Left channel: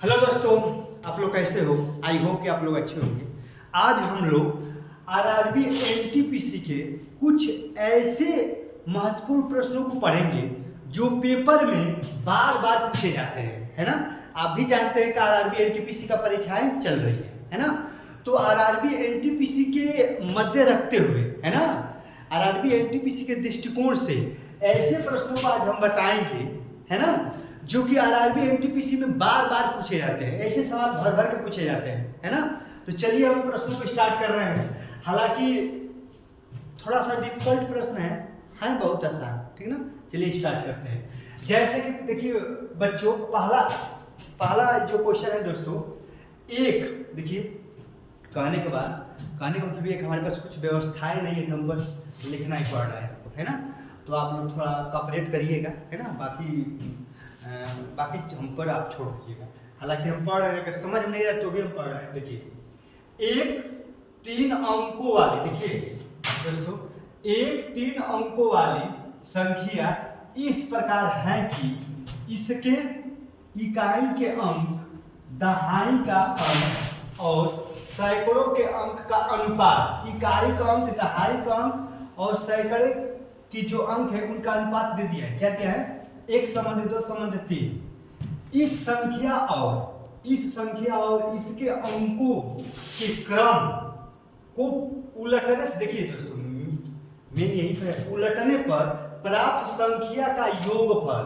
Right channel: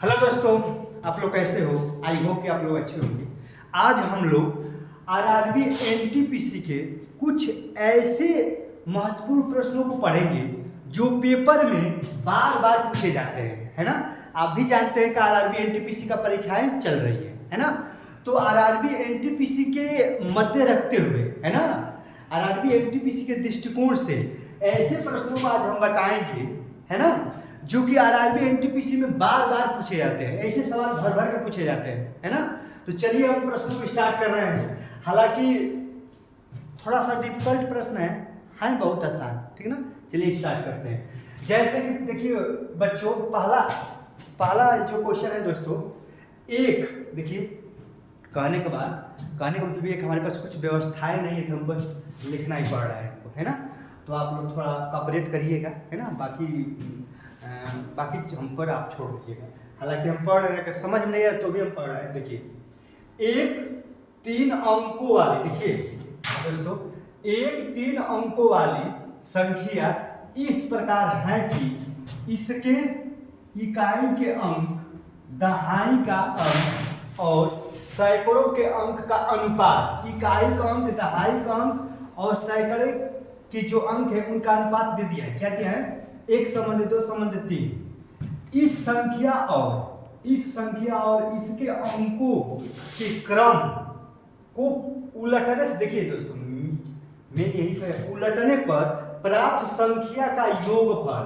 Hello दोस्तों, आप लोग कैसे हो? आई होप कि आप लोग अच्छे होंगे। आज हम लोग आरआरबी एनटीपीसी के कुछ ऐसे महत्वपूर्ण प्रश्नों को पढ़ेंगे जो पेपर में बार बार पूछे जाते हैं, है ना। आप भी जानते हैं कि आरआरबी एनटीपीसी का परीक्षाएं चल रही है ना। तो आरआरबी एनटीपीसी के मध्य रखते हुए, है ना, आरआरबी एनटीपीसी के दृष्टिकोण से ऐसे प्रश्नों को आज हम बताएंगे, है ना, जो कि आरआरबी एनटीपीसी में बार बार पूछे जाते हैं। ऐसे सवाल भर भर के पूछे जाते हैं, है ना। तो चलिए हम प्रश्नों को स्टार्ट कर रहे हैं। हालांकि थोड़ा सा डिफिकल्ट प्रश्न है बहुत आसान, ठीक है ना। चलिए स्टार्ट करते हैं। जैसे कि देखिए बच्चों, पहला जो क्वेश्चन है दोस्तों, एक देखिए, कहने का मतलब ये कि हमारे पास कुछ व्यवस्थाएं नहीं है, तो हम बस लिखना ही पड़ रहा है ना। तो आप लोग थोड़ा कॉपरेट करिएगा, है ना। बाकी हम पर आप छोड़ दीजिएगा। हालांकि हम पढ़ रहे हैं, अगर समझ में नहीं आया तो भी हम पढ़ रहे हैं। देखिए, एक 3 अंकों वाली, देखिए दोस्तों, एक 3 अंकों वाली संख्या इस प्रकार है कि इसके इकाई के अंक, दहाई का अंक और सैकड़ों के अंक का अनुपात, इकाई का अंक, दहाई का अंक और सैकड़े की जो अंक है उनका अनुपात दे दिया है। क्या क्या है? 1 संबंध 2 संबंध 3। इस संख्या और इसके अंकों के क्रम को उलटने से, देखिए दोस्तों, मैं यही कह, उलटने पर प्राप्त संख्या का योगफल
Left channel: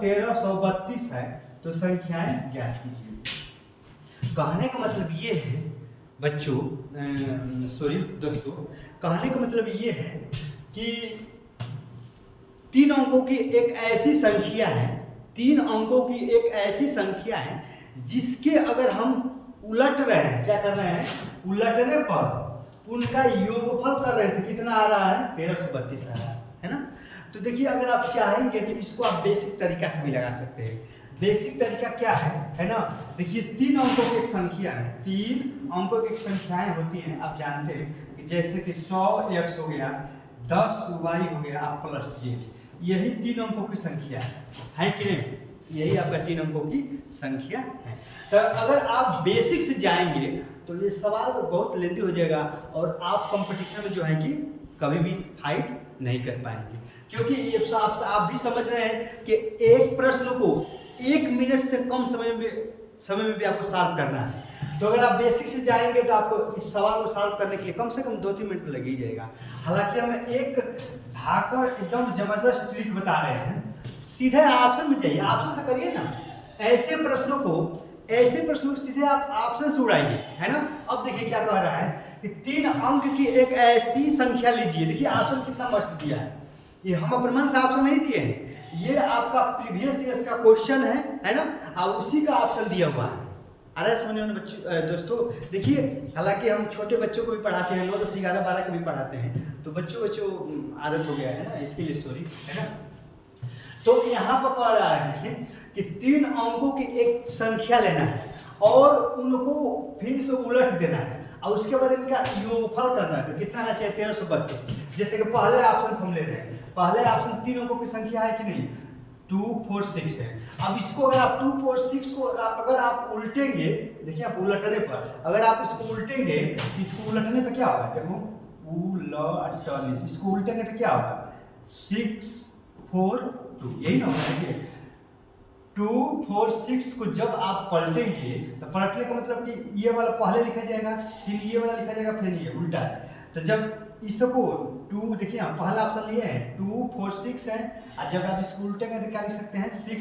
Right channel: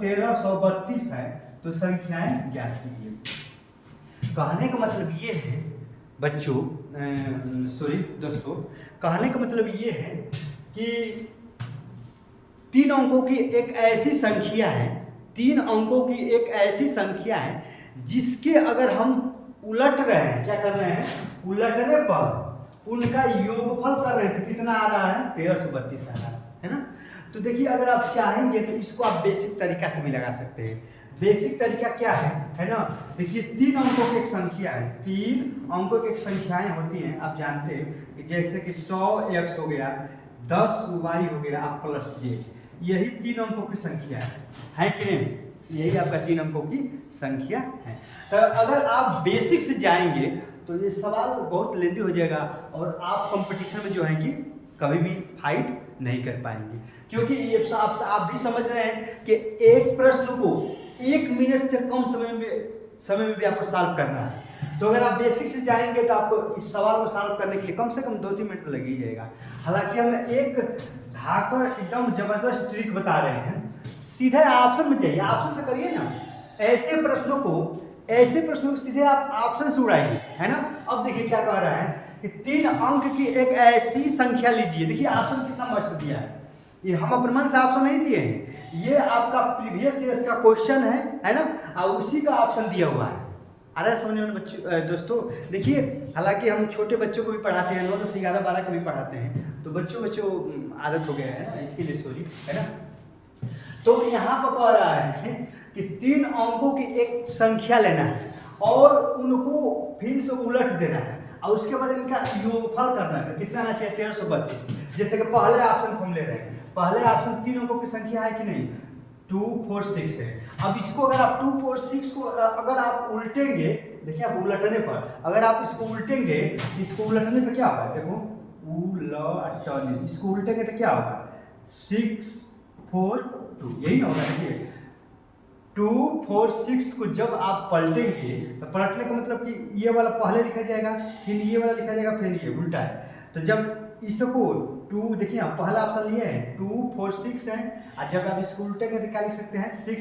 1332 है। तो संख्याएं ज्ञात कीजिए। कहने का मतलब ये है बच्चों, दोस्तों, कहने का मतलब ये है कि 3 अंकों की एक ऐसी संख्या है, 3 अंकों की एक ऐसी संख्या है जिसके अगर हम उलट रहे हैं, क्या कर रहे हैं, उलटने पर उनका योगफल कर रहे थे, कितना आ रहा है? 1332 आ रहा है ना। तो देखिए, अगर आप चाहेंगे तो इसको आप बेसिक तरीका से भी लगा सकते हैं। बेसिक तरीका क्या है ना। देखिए, 3 अंकों की एक संख्या है, 3 अंकों की एक संख्याएं होती हैं, आप जानते हैं कि जैसे कि 100x हो गया, 10y हो गया, आप प्लस z, यही 3 अंकों की संख्या है कि नहीं? यही आपका 3 अंकों की संख्या है। तो अगर आप बेसिक से जाएंगे तो ये सवाल बहुत लेंदी हो जाएगा और आप कंपटीशन में जो है कि कभी भी फाइट नहीं कर पाएंगे, क्योंकि ये आप भी समझ रहे हैं कि एक प्रश्न को 1 मिनट से कम समय में भी आपको सॉल्व करना है। तो अगर आप बेसिक से जाएंगे तो आपको इस सवाल को सॉल्व करने के लिए कम से कम 2-3 मिनट लग ही जाएगा। हालांकि हम एक धाकड़ एकदम जबरदस्त ट्रिक बता रहे हैं। सीधे ऑप्शन में जाइए, ऑप्शन से करिए ना। ऐसे प्रश्नों को सीधे आप ऑप्शन से उड़ाइए, है ना। अब देखिए क्या कह रहा है कि 3 अंक की एक ऐसी संख्या लीजिए। देखिए ऑप्शन कितना मस्त दिया है, ये हम अपने मन से ऑप्शन नहीं दिए हैं, ये आपका प्रीवियस ईयर का क्वेश्चन है ना, और उसी का ऑप्शन दिया हुआ है। आ रहा है समझ में बच्चे? दोस्तों देखिए, हालांकि हम छोटे बच्चों को भी पढ़ाते हैं, 9, 10, 11, 12 को भी पढ़ाते हैं, तो बच्चों आदत हो गया है ना, इसके लिए सॉरी, है ना। तो यहाँ पर कह रहा है कि 3 अंकों की एक संख्या लेना है और उनको फिर से उलट देना है और उसके बाद इनका योगफल करना है। तो कितना आना चाहिए? 1332। जैसे कि पहले ऑप्शन हम ले रहे हैं, पहले ऑप्शन 3 अंकों की संख्या है कि नहीं? 2, 4, 6 है। अब इसको अगर आप 2, 4, 6 को अगर आप उल्टेंगे, देखिए आप उलटने पर, अगर आप इसको उल्टेंगे, इसको उलटने पर क्या होगा? देखो, उलटने, इसको उल्टेंगे तो क्या होगा? 6, 4, 2, यही ना होगा। देखिए 2, 4, 6 को जब आप पलटेंगे तो पलटने का मतलब कि ये वाला पहले लिखा जाएगा, फिर ये वाला लिखा जाएगा, फिर ये उल्टा है। तो जब इसको 2, देखिए आप पहला ऑप्शन लिए हैं, 2, 4, 6 है, और जब आप इसको उल्टेंगे तो क्या लिख सकते हैं? 6,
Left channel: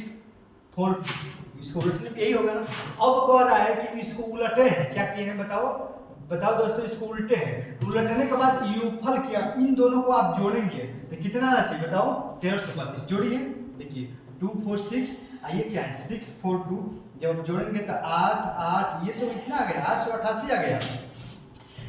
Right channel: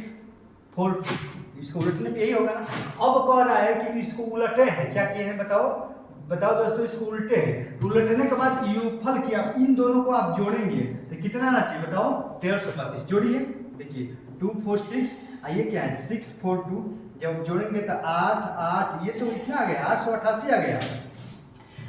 4, 2। इसको उलटने पर यही होगा ना। अब कह रहा है कि इसको उलटे हैं, क्या किए हैं बताओ दोस्तों, इसको उल्टे हैं। उलटने के बाद योगफल किया, इन दोनों को आप जोड़ेंगे तो कितना आना चाहिए बताओ? 1332। जोड़िए, देखिए 2, 4, 6, ये क्या है? 6, 4, 2, जब जोड़ेंगे तो 8, 8, ये तो इतना आ गया, 888 आ गया।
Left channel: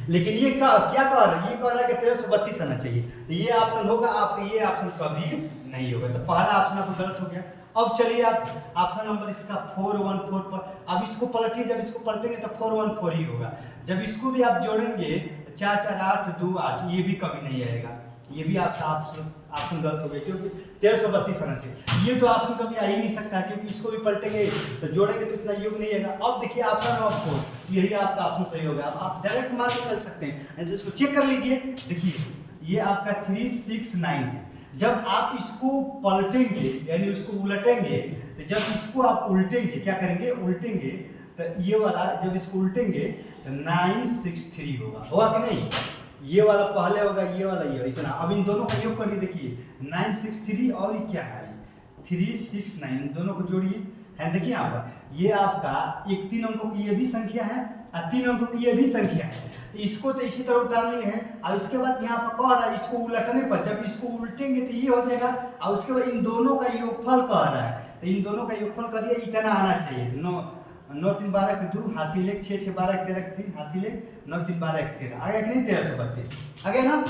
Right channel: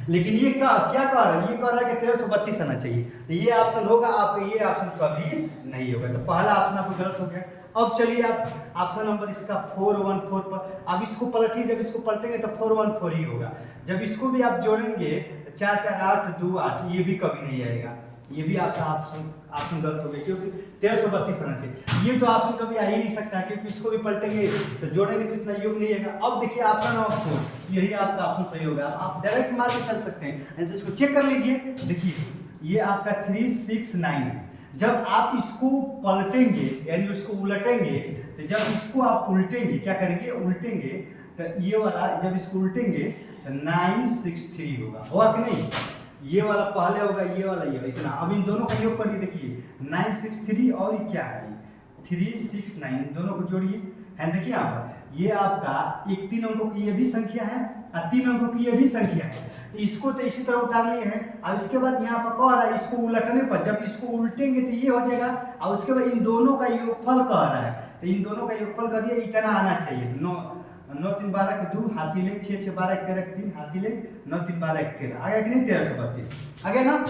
लेकिन ये क्या कह रहा है? ये कह रहा है कि 1332 आना चाहिए। तो ये ऑप्शन होगा आपका, ये ऑप्शन कभी नहीं होगा। तो पहला ऑप्शन आपको गलत हो गया। अब चलिए आप ऑप्शन नंबर इसका 414 पर, अब इसको पलटिए, जब इसको पलटेंगे तो 414 ही होगा। जब इसको भी आप जोड़ेंगे 4, 4, 8, 2, 8, ये भी कभी नहीं आएगा। ये भी आपका ऑप्शन गलत हो गया, क्योंकि 1332 आना चाहिए। ये तो ऑप्शन कभी आ ही नहीं सकता, क्योंकि इसको भी पलटेंगे तो जोड़ेंगे तो इतना योग नहीं है। अब देखिए ऑप्शन नंबर 4, यही आपका ऑप्शन सही होगा। आप डायरेक्ट मार के चल सकते हैं, तो इसको चेक कर लीजिए। देखिए ये आपका 369 है। जब आप इसको पलटेंगे यानी उसको उलटेंगे, तो जब इसको आप उल्टेंगे, क्या करेंगे, उल्टेंगे, तो ये वाला जब इसको उल्टेंगे तो 963 होगा कि नहीं? ये वाला पहले होगा, ये वाला ये इतना। अब इन दोनों का योग करिए, देखिए 963 और ये क्या है 369, दोनों को जोड़िए, है देखिए यहाँ पर ये आपका एक 3 अंकों की ये भी संख्या है और 3 अंकों की ये भी संख्या है। तो इसको तो इसी तरह उतार लिए हैं। और इसके बाद यहाँ पर कह रहा है इसको उलटने पर, जब इसको उल्टेंगे तो ये हो जाएगा, और उसके बाद इन दोनों का योगफल कह रहा है, तो इन दोनों का योगफल करिए, इतना आना चाहिए। तो 9 3 12 के 2 हासिल 1, 6 6 12 13 के 3 हासिल 1, 9 3 12 के 13 आ गया कि नहीं? 1332 आ गया ना।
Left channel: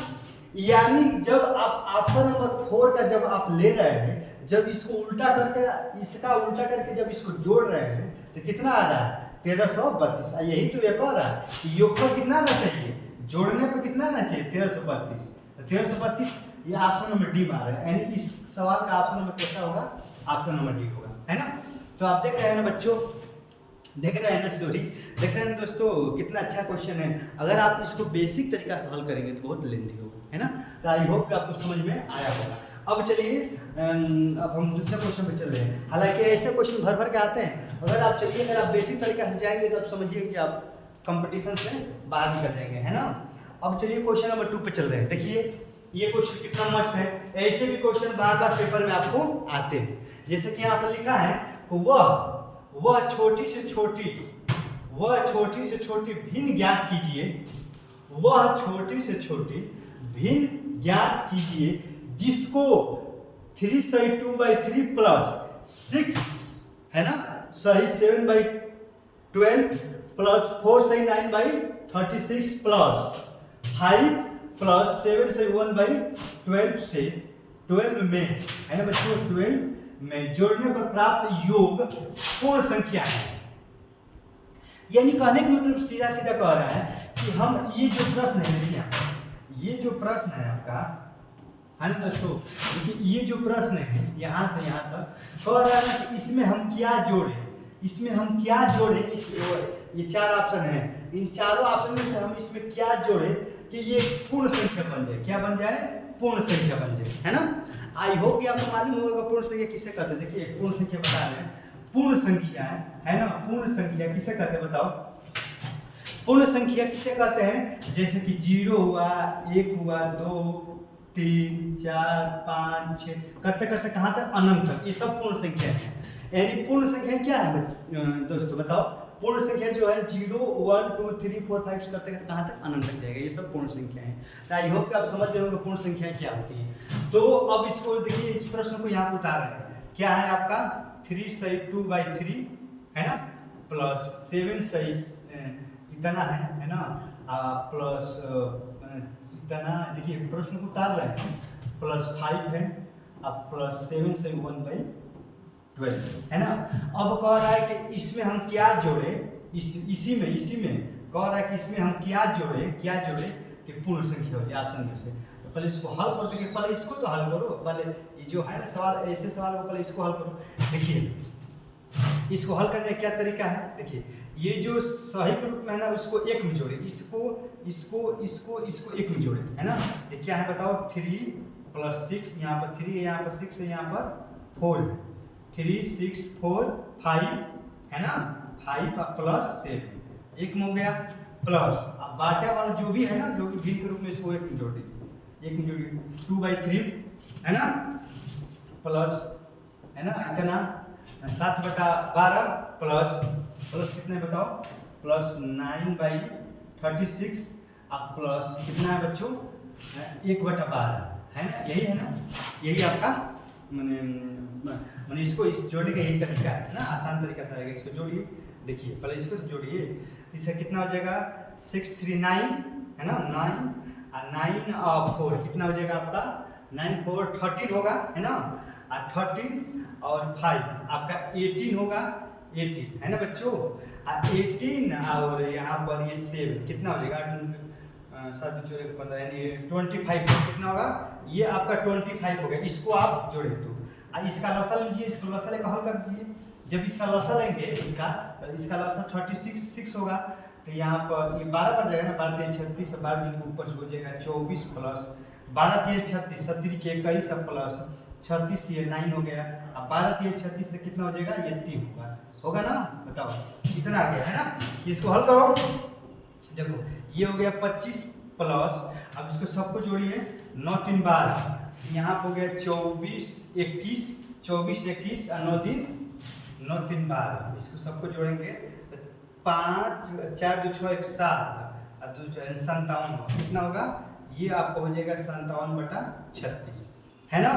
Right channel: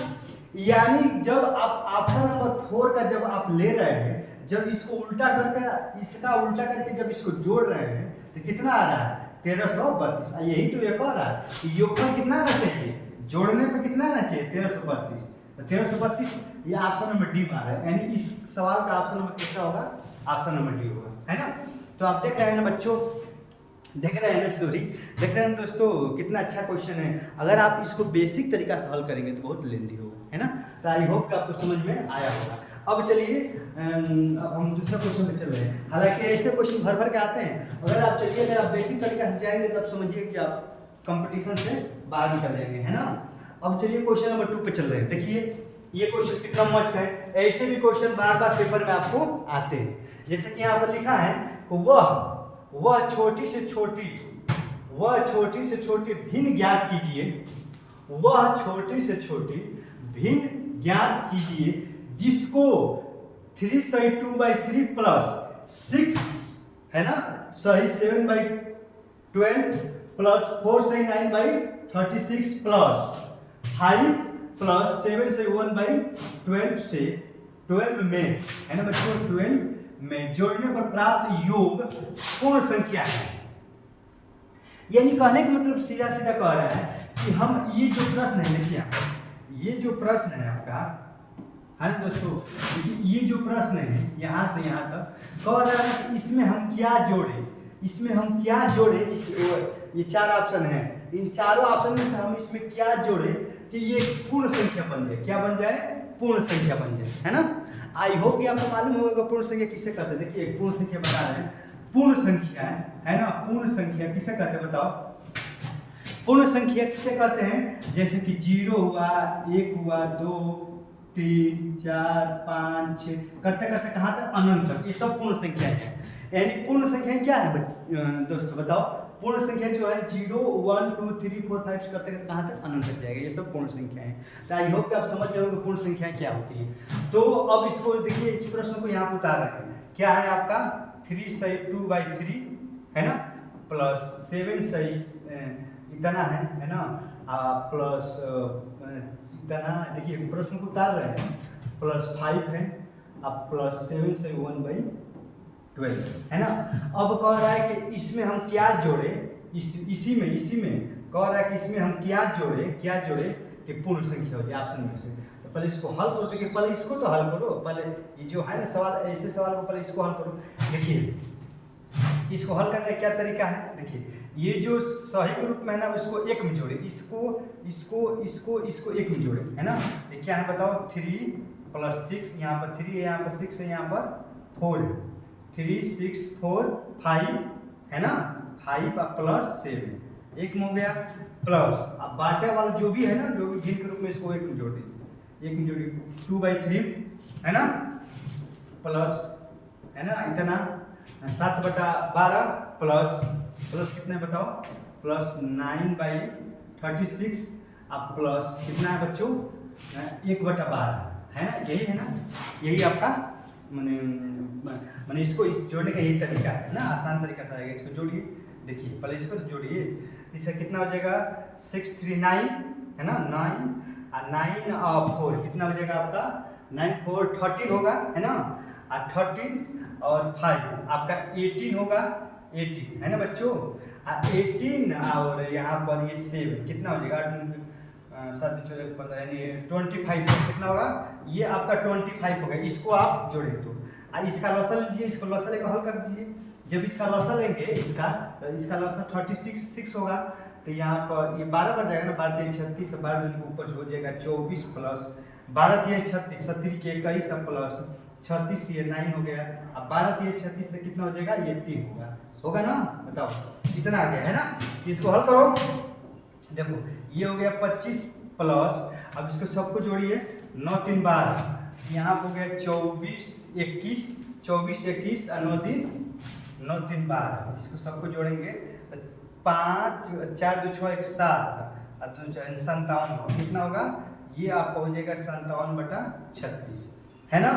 यानी जब आप ऑप्शन नंबर 4 का जब आप ले रहे हैं, जब इसको उल्टा करके, इसका उल्टा करके जब इसको जोड़ रहे हैं, तो कितना आ रहा है? 1332। यही तो एक और है कि योगफल कितना आना चाहिए, जोड़ने पर कितना आना चाहिए? 1332। तो 1332 ये ऑप्शन नंबर डी मार है, यानी इस सवाल का ऑप्शन नंबर कैसा होगा? ऑप्शन नंबर डी होगा, है ना। तो आप देख रहे हैं ना बच्चों, देख रहे हैं ना, सॉरी देख रहे हैं दोस्तों, कितना अच्छा क्वेश्चन है। अगर आप इसको बेसिक तरीका से हल करेंगे तो बहुत लेंदी होगा, है ना। तो आई होप कि आपको समझ में आया होगा। अब चलिए अब हम दूसरे क्वेश्चन पे चल रहे हैं। हालांकि ऐसे क्वेश्चन भर भर के आते हैं, अगर आप चलिए, अगर आप बेसिक तरीका से जाएंगे तो आप समझिए कि आप कंपटीशन से बाहर निकल जाएंगे, है ना। अब चलिए क्वेश्चन नंबर 2 पे चल रहे हैं। देखिए ये क्वेश्चन कितना मस्त है। ऐसे भी क्वेश्चन बार बार पेपर में आपको आते हैं। जैसे कि यहाँ पर लिखा है, वह छोटी से छोटी भिन्न ज्ञात कीजिए, वह छोटी से छोटी भिन्न ज्ञात कीजिए जिसको 3 सही 2/3 प्लस 6 है ना, सही 7/12 प्लस 4 सही 9/36 प्लस 5 प्लस 7 सही 1/12 से 12 में, है ना बच्चों, 12 में जोड़ने पर प्राप्त योग पूर्ण संख्या है। यानी कहने का मतलब सीधा सीधा कह रहा है कि हम ये जो प्रश्न है, देखिए ये जो प्रश्न है आपका, है ना दोस्तों, देखिए ये जो प्रश्न है यहाँ से यहाँ तक कह रहा है कि इसमें हम क्या जोड़े, ये 4 ऑप्शन है, इन चारों ऑप्शन में से हम इसमें क्या जोड़े कि ये पूर्ण संख्या बन जाए। क्या बन जाए? पूर्ण संख्या बन जाए, है ना। आई होप कि आपको मालूम होगा पूर्ण संख्या किसे कहते हैं। देखिए एक पूर्ण संख्या बता रहे हैं, पूर्ण संख्या है ना, पूर्ण संख्या किसे कहते हैं बताओ? पूर्ण संख्या किसे कहते हैं? जैसे कि 0 हुआ, 1 हुआ, 2 3 4 5 6 करते करते कहाँ तक? अनंत तक। ये सब पूर्ण संख्या है। यानी पूर्ण संख्या क्या है दोस्तों बताओ? पूर्ण संख्या जो है 0 1 2 3 4 5 करते करते कहाँ तक? अनंत तक जाएगा। ये सब पूर्ण संख्या है। तो आई होप कि आप समझ गए होंगे पूर्ण संख्या क्या होती है। तो अब इसको देखिए, इस प्रश्न को यहाँ पर उतार रहे हैं। क्या है आपका? 3 सही 2/3 है ना, प्लस 7 सही इतना है ना, प्लस इतना, देखिए प्रश्न को उतार रहे हैं, प्लस 5 है, अब प्लस 7 से 1/12 है ना। अब कह रहा है कि इसमें हम क्या जोड़े, इसी में कह रहा है कि इसमें हम क्या जोड़े कि पूर्ण संख्या हो जाए ऑप्शन में से। तो पहले इसको हल करो। देखिए पहले इसको तो हल करो, पहले ये जो है ना सवाल, ऐसे सवाल को पहले इसको हल करो। देखिए इसको हल करने का क्या तरीका है? देखिए ये जो सही के रूप में है ना, उसको एक में जोड़े, इसको एक में जोड़े, है ना। ये क्या है बताओ? 3 + 6, यहाँ पर 3 है, यहाँ पर 6 है, यहाँ पर 4 है, 3 6 4 5 है ना, 5 + 7 एक में हो गया, प्लस अब बाटे वाला जो भी है ना, जो भी भिन्न के रूप में, इसको एक में जोड़ दीजिए, एक में जोड़िए 2/3 है ना, प्लस है ना इतना 7/12 प्लस कितना है बताओ? प्लस 9/36 अब प्लस कितना है बच्चों? 1/12 है ना, यही है ना, यही आपका मैंने इसको जोड़ने का यही तरीका है ना, आसान तरीका से आएगा। इसको जोड़िए, देखिए पहले इसको जोड़िए, इससे कितना हो जाएगा? 6 3 9 है ना, 9 और 9 और 4 कितना हो जाएगा आपका? 9 4 13 होगा, है ना, और 13 और 5 आपका 18 होगा, 18 है ना बच्चों। 18 और यहाँ पर ये 7 कितना हो जाएगा? 7×14 यानी 25 कितना होगा, ये आपका 25 हो गया। इसको आप जोड़े तो इसका लसा लीजिए, इसको लसा लेकर हल कर दीजिए। जब इसका लसा लेंगे इसका, तो इसका लसा 36 होगा, तो यहाँ पर ये 12 बन जाएगा ना, 12 36 और 12 के ऊपर हो जाएगा 24 प्लस 12 36 70 के 21 प्लस 36 ये 9 हो गया। अब 12 36 से कितना हो जाएगा, ये 3 होगा ना, बताओ कितना आ गया है ना। इसको हल करो, देखो ये हो गया 25 प्लस, अब इसको सबको जोड़िए 9 3 12, यहाँ पर हो गया 24 21 और 9 3 12, इसको सबको जोड़ेंगे 5 4 2 6 1 7 और 2 57 कितना होगा, ये आपको हो जाएगा 57/36 है ना।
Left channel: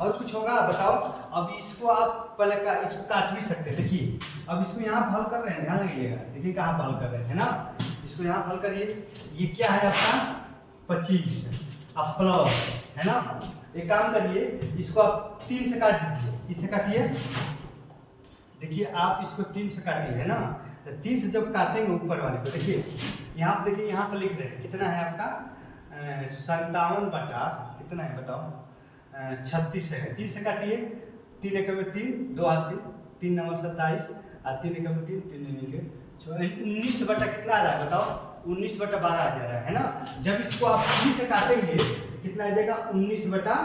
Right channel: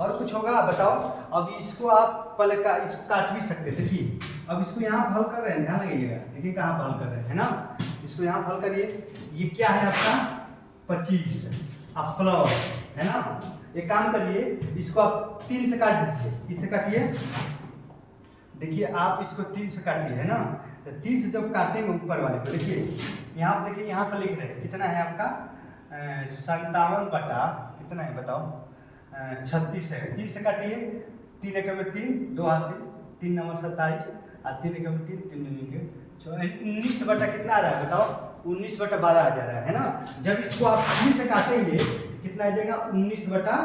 और कुछ होगा बताओ। अब इसको आप पहले इसको काट भी सकते हैं, देखिए अब इसको यहाँ हल कर रहे हैं, ध्यान लगाइएगा, देखिए कहाँ हल कर रहे हैं, है ना। इसको यहाँ हल करिए, ये क्या है आपका 25 अब प्लस, है ना। एक काम करिए, इसको आप 3 से काट दीजिए, इससे काटिए, देखिए आप इसको 3 से काटिए, है ना। तो 3 से जब काटेंगे ऊपर वाले को, देखिए यहाँ पर, देखिए यहाँ पर लिख रहे हैं कितना है आपका 57 बटा कितना है बताओ 36 है। 3 से काटिए, 3 एकम 3 2 80 3 9 27 और 3 एकम 3 3 के 19 बटा कितना आ रहा है बताओ, 19/12 आ जा रहा है ना। जब इसको आप 3 से काटेंगे तो कितना आ जाएगा 19 बटा